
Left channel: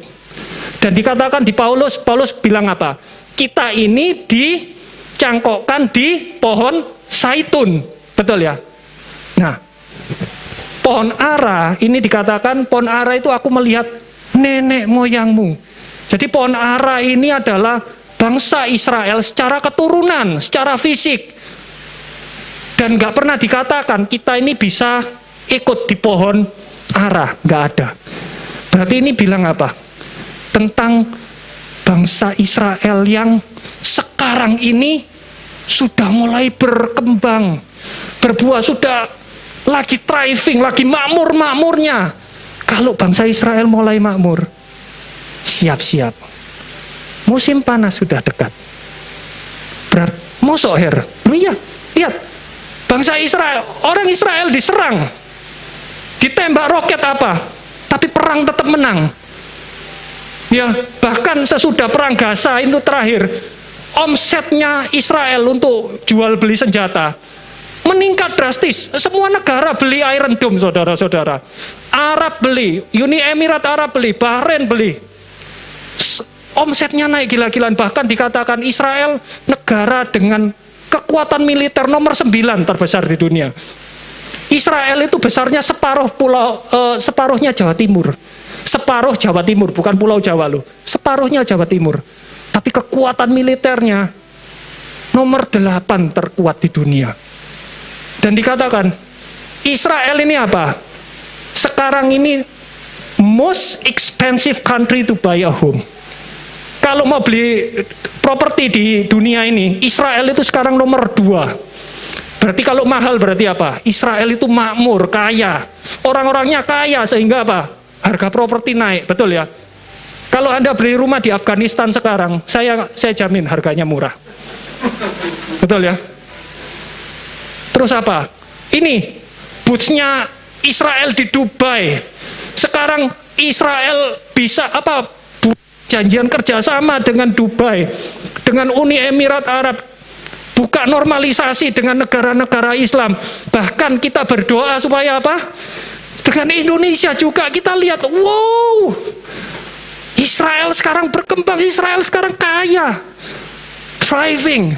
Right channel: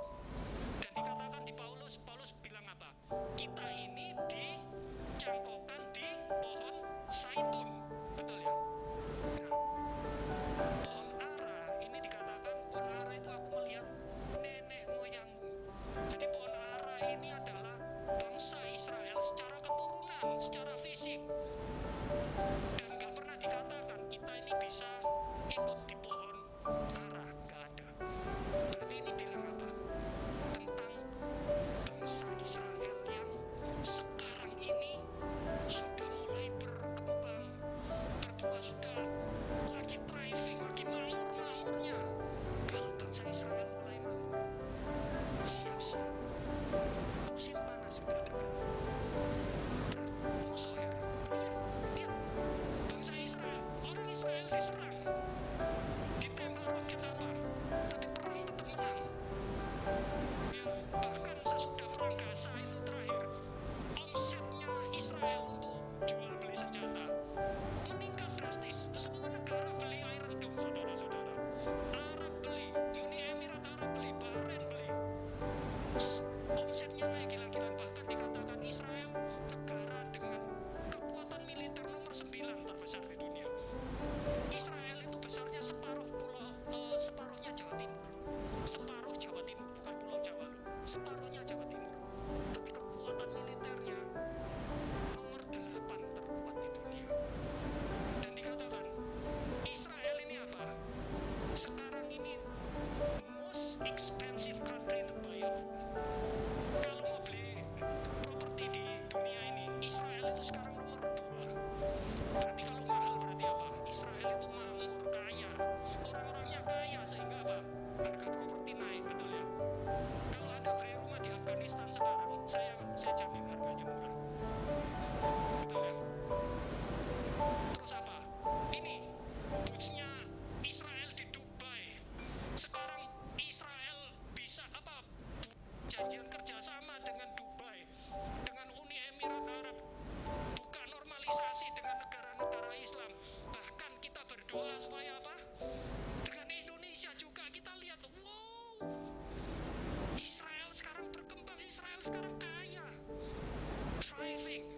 Dan dikatakan di Paulus bilang apa? Kita ini dicangkokkan di pohon zaitun, betul ya? Nah, pohon ara, ini dikatakan pohon ara itu aku melihat nenek moyangmu. Jadi pohon ara ini adalah bangsa Israel secara keturunan, secara fisik. Dan nggak pernah dikatakan kita ini bisa ikut di pohon ara, nggak ada. Berarti ini bilang apa? Tentang bangsa Israel yang sekarang ini sudah mulai berkembang, berbuah, sudah lagi thriving, lagi makmur-makmurnya. Kalau bangsa Israel mulai makmur, siap-siap. Musim panas sudah dekat. Mosok her. Iya, lihat. Bangsa Israel, orang Israel diserang. Ditembak roket apa? Tapi perang tetap menang. Ya, bahkan sesudah perang Gaza itu terakhir, omsetnya Israel untuk jual beli senjata meningkat drastis. Semua negara beli Iron Dome, saudara-saudara. Arab beli, Uni Emirat Arab beli, Bahrain beli. Omsetnya naik gila-gilaan. Bahkan dikatakan Israel negara dengan kekuatan militer nomor 9 terbesar di dunia. Israel itu besarnya separuhnya Jawa Timur. Separuh Jawa Timur, bukan Pulau Jawa loh. Separuhnya Jawa Timur. Tapi kekuatan militernya nomor 8 terkuat di dunia. Dan dikatakan Israel ini apa? Sekarang ini most expensive country to buy a home. Kalau mau beli properti di dunia ini, Israel itu sekarang nomor 2. Berarti kalau mahal berarti apa? Israel itu makmur, kaya. Orang-orangnya kaya sehingga apa? Harga properti naik, betul ya? Kalau Anda beli rumah di Afghanistan sekarang, saya jamin harganya murah. Betul ya? Terus apa? Ini boots-nya Israel di Dubai. Sekarang Israel bisa apa? Janjian kerjasama dengan Dubai, dengan Uni Emirat Arab, buka normalisasi dengan negara-negara Islam. Bahkan kita berdoa supaya apa? Dengan Indonesia juga kita lihat, wow, Israel sekarang berkembang, Israel sekarang kaya, thriving.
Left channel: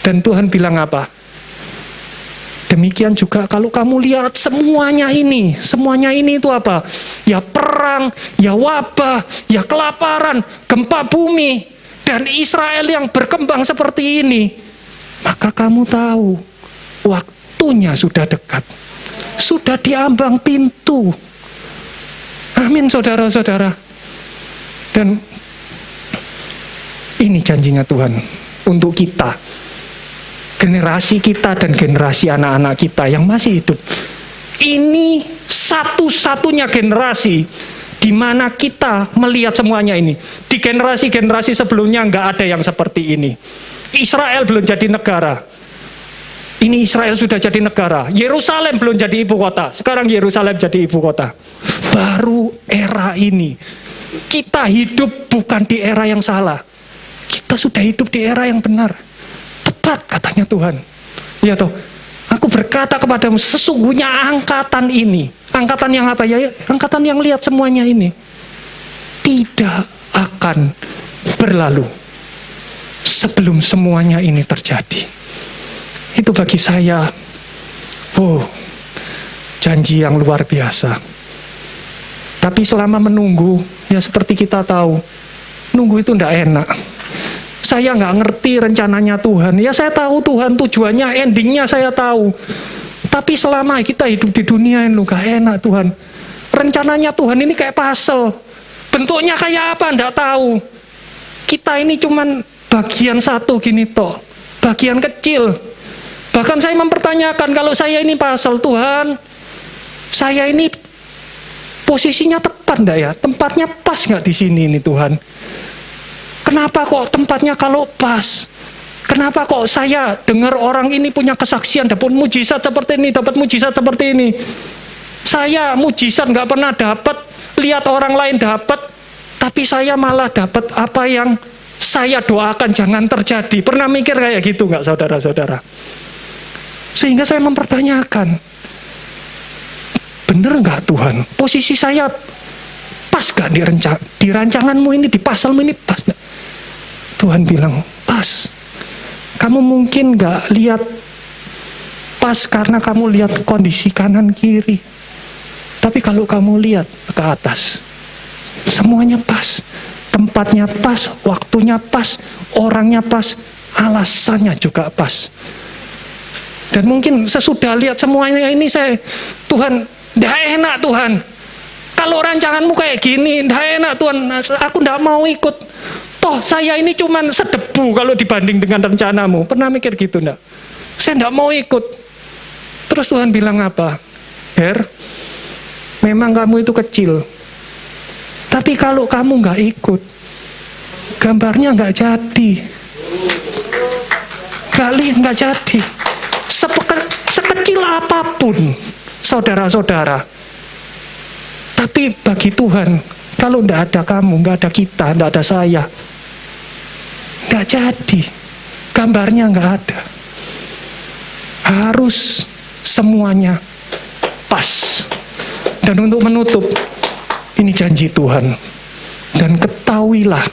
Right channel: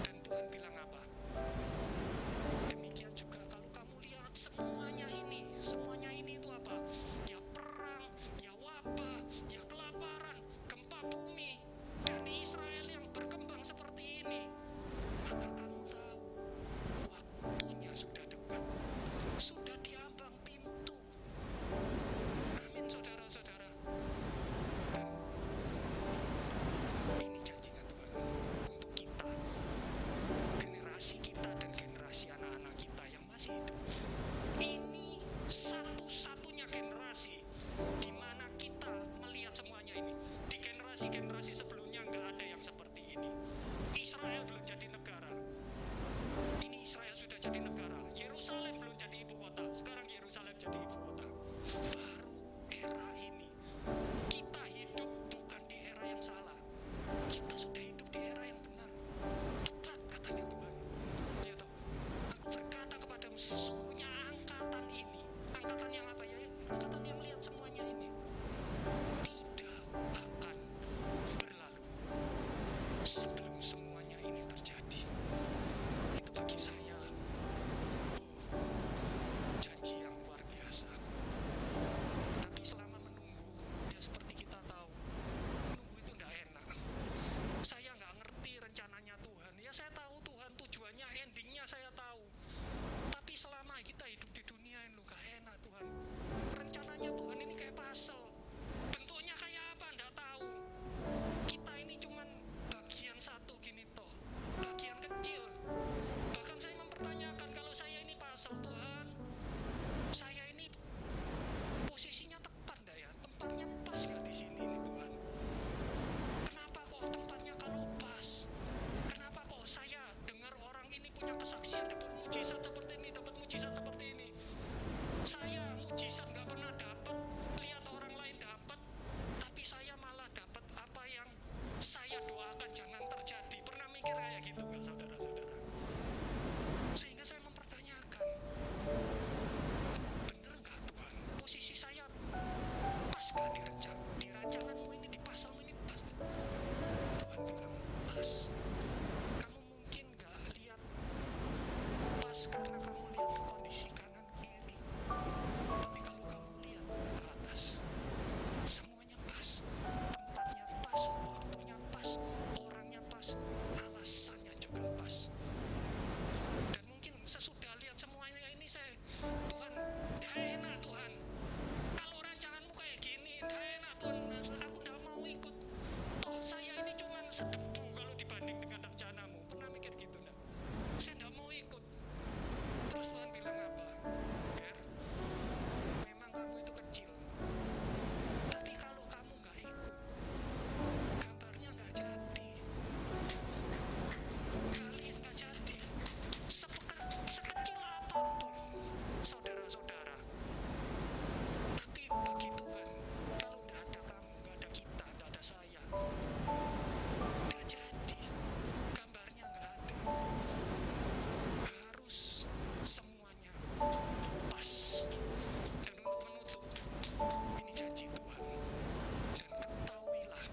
Dan Tuhan bilang apa? Demikian juga kalau kamu lihat semuanya ini itu apa? Ya perang, ya wabah, ya kelaparan, gempa bumi, dan Israel yang berkembang seperti ini. Maka kamu tahu, waktunya sudah dekat. Sudah diambang pintu. Amin saudara-saudara. Dan ini janjinya Tuhan untuk kita. Generasi kita dan generasi anak-anak kita yang masih hidup. Ini satu-satunya generasi di mana kita melihat semuanya ini. Di generasi-generasi sebelumnya nggak ada yang seperti ini. Israel belum jadi negara. Ini Israel sudah jadi negara. Yerusalem belum jadi ibu kota. Sekarang Yerusalem jadi ibu kota. Baru era ini kita hidup bukan di era yang salah. Kita sudah hidup di era yang benar. Tepat katanya Tuhan. Ya toh, aku berkata kepadamu, sesungguhnya angkatan ini, angkatan yang apa ya? Angkatan yang lihat semuanya ini, tidak akan berlalu sebelum semuanya ini terjadi. Itu bagi saya, janji yang luar biasa. Tapi selama menunggu, ya seperti kita tahu, nunggu itu tidak enak. Saya nggak ngerti rencananya Tuhan. Ya saya tahu Tuhan tujuannya, endingnya saya tahu. Tapi selama kita hidup di dunia ini, nggak enak Tuhan. Rencananya Tuhan ini kayak puzzle. Bentuknya kayak apa, nggak tahu. Kita ini cuman bagian satu gini toh, bagian kecil. Bahkan saya mempertanyakan, kalau saya ini puzzle, Tuhan, saya ini posisinya tepat enggak ya? Tempatnya pas nggak di sini ini Tuhan? Kenapa kok tempatnya kalau pas? Kenapa kok saya dengar orang ini punya kesaksian, dapat mujizat seperti ini, dapat mujizat seperti ini? Saya mujizat nggak pernah dapat, lihat orang lain dapat, tapi saya malah dapat apa yang saya doakan jangan terjadi. Pernah mikir kayak gitu nggak saudara-saudara? Sehingga saya mempertanyakan, bener nggak Tuhan? Posisi saya pas nggak di rancanganmu ini, di pasalmu ini pas nggak? Tuhan bilang, pas. Kamu mungkin nggak lihat pas karena kamu lihat kondisi kanan kiri. Tapi kalau kamu lihat ke atas, semuanya pas. Tempatnya pas, waktunya pas, orangnya pas, alasannya juga pas. Dan mungkin sesudah lihat semuanya ini Tuhan, nggak enak Tuhan. Kalau rancanganmu kayak gini, nggak enak Tuhan, aku nggak mau ikut. Toh saya ini cuman sedebu kalau dibanding dengan rencanamu. Pernah mikir gitu enggak? Saya enggak mau ikut. Terus Tuhan bilang apa? Memang kamu itu kecil. Tapi kalau kamu enggak ikut, gambarnya enggak jadi. Enggak jadi. Sekecil apapun, saudara-saudara. Tapi bagi Tuhan, kalau enggak ada kamu, enggak ada kita, enggak ada saya, nggak jadi, gambarnya nggak ada. Harus semuanya pas. Dan untuk menutup, ini janji Tuhan. Dan ketahuilah,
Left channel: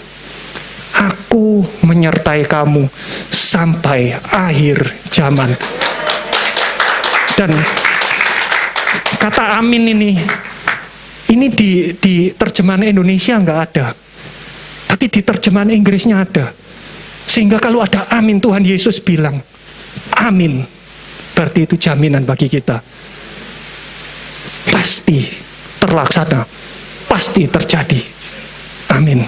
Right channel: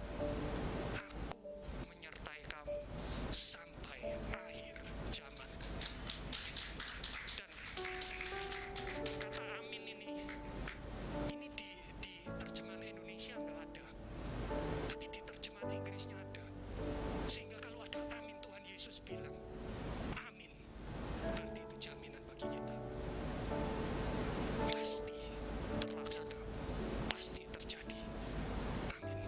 aku menyertai kamu sampai akhir zaman. Dan kata amin ini di terjemahan Indonesia nggak ada. Tapi di terjemahan Inggrisnya ada. Sehingga kalau ada amin, Tuhan Yesus bilang, amin. Berarti itu jaminan bagi kita. Pasti terlaksana. Pasti terjadi. Amin.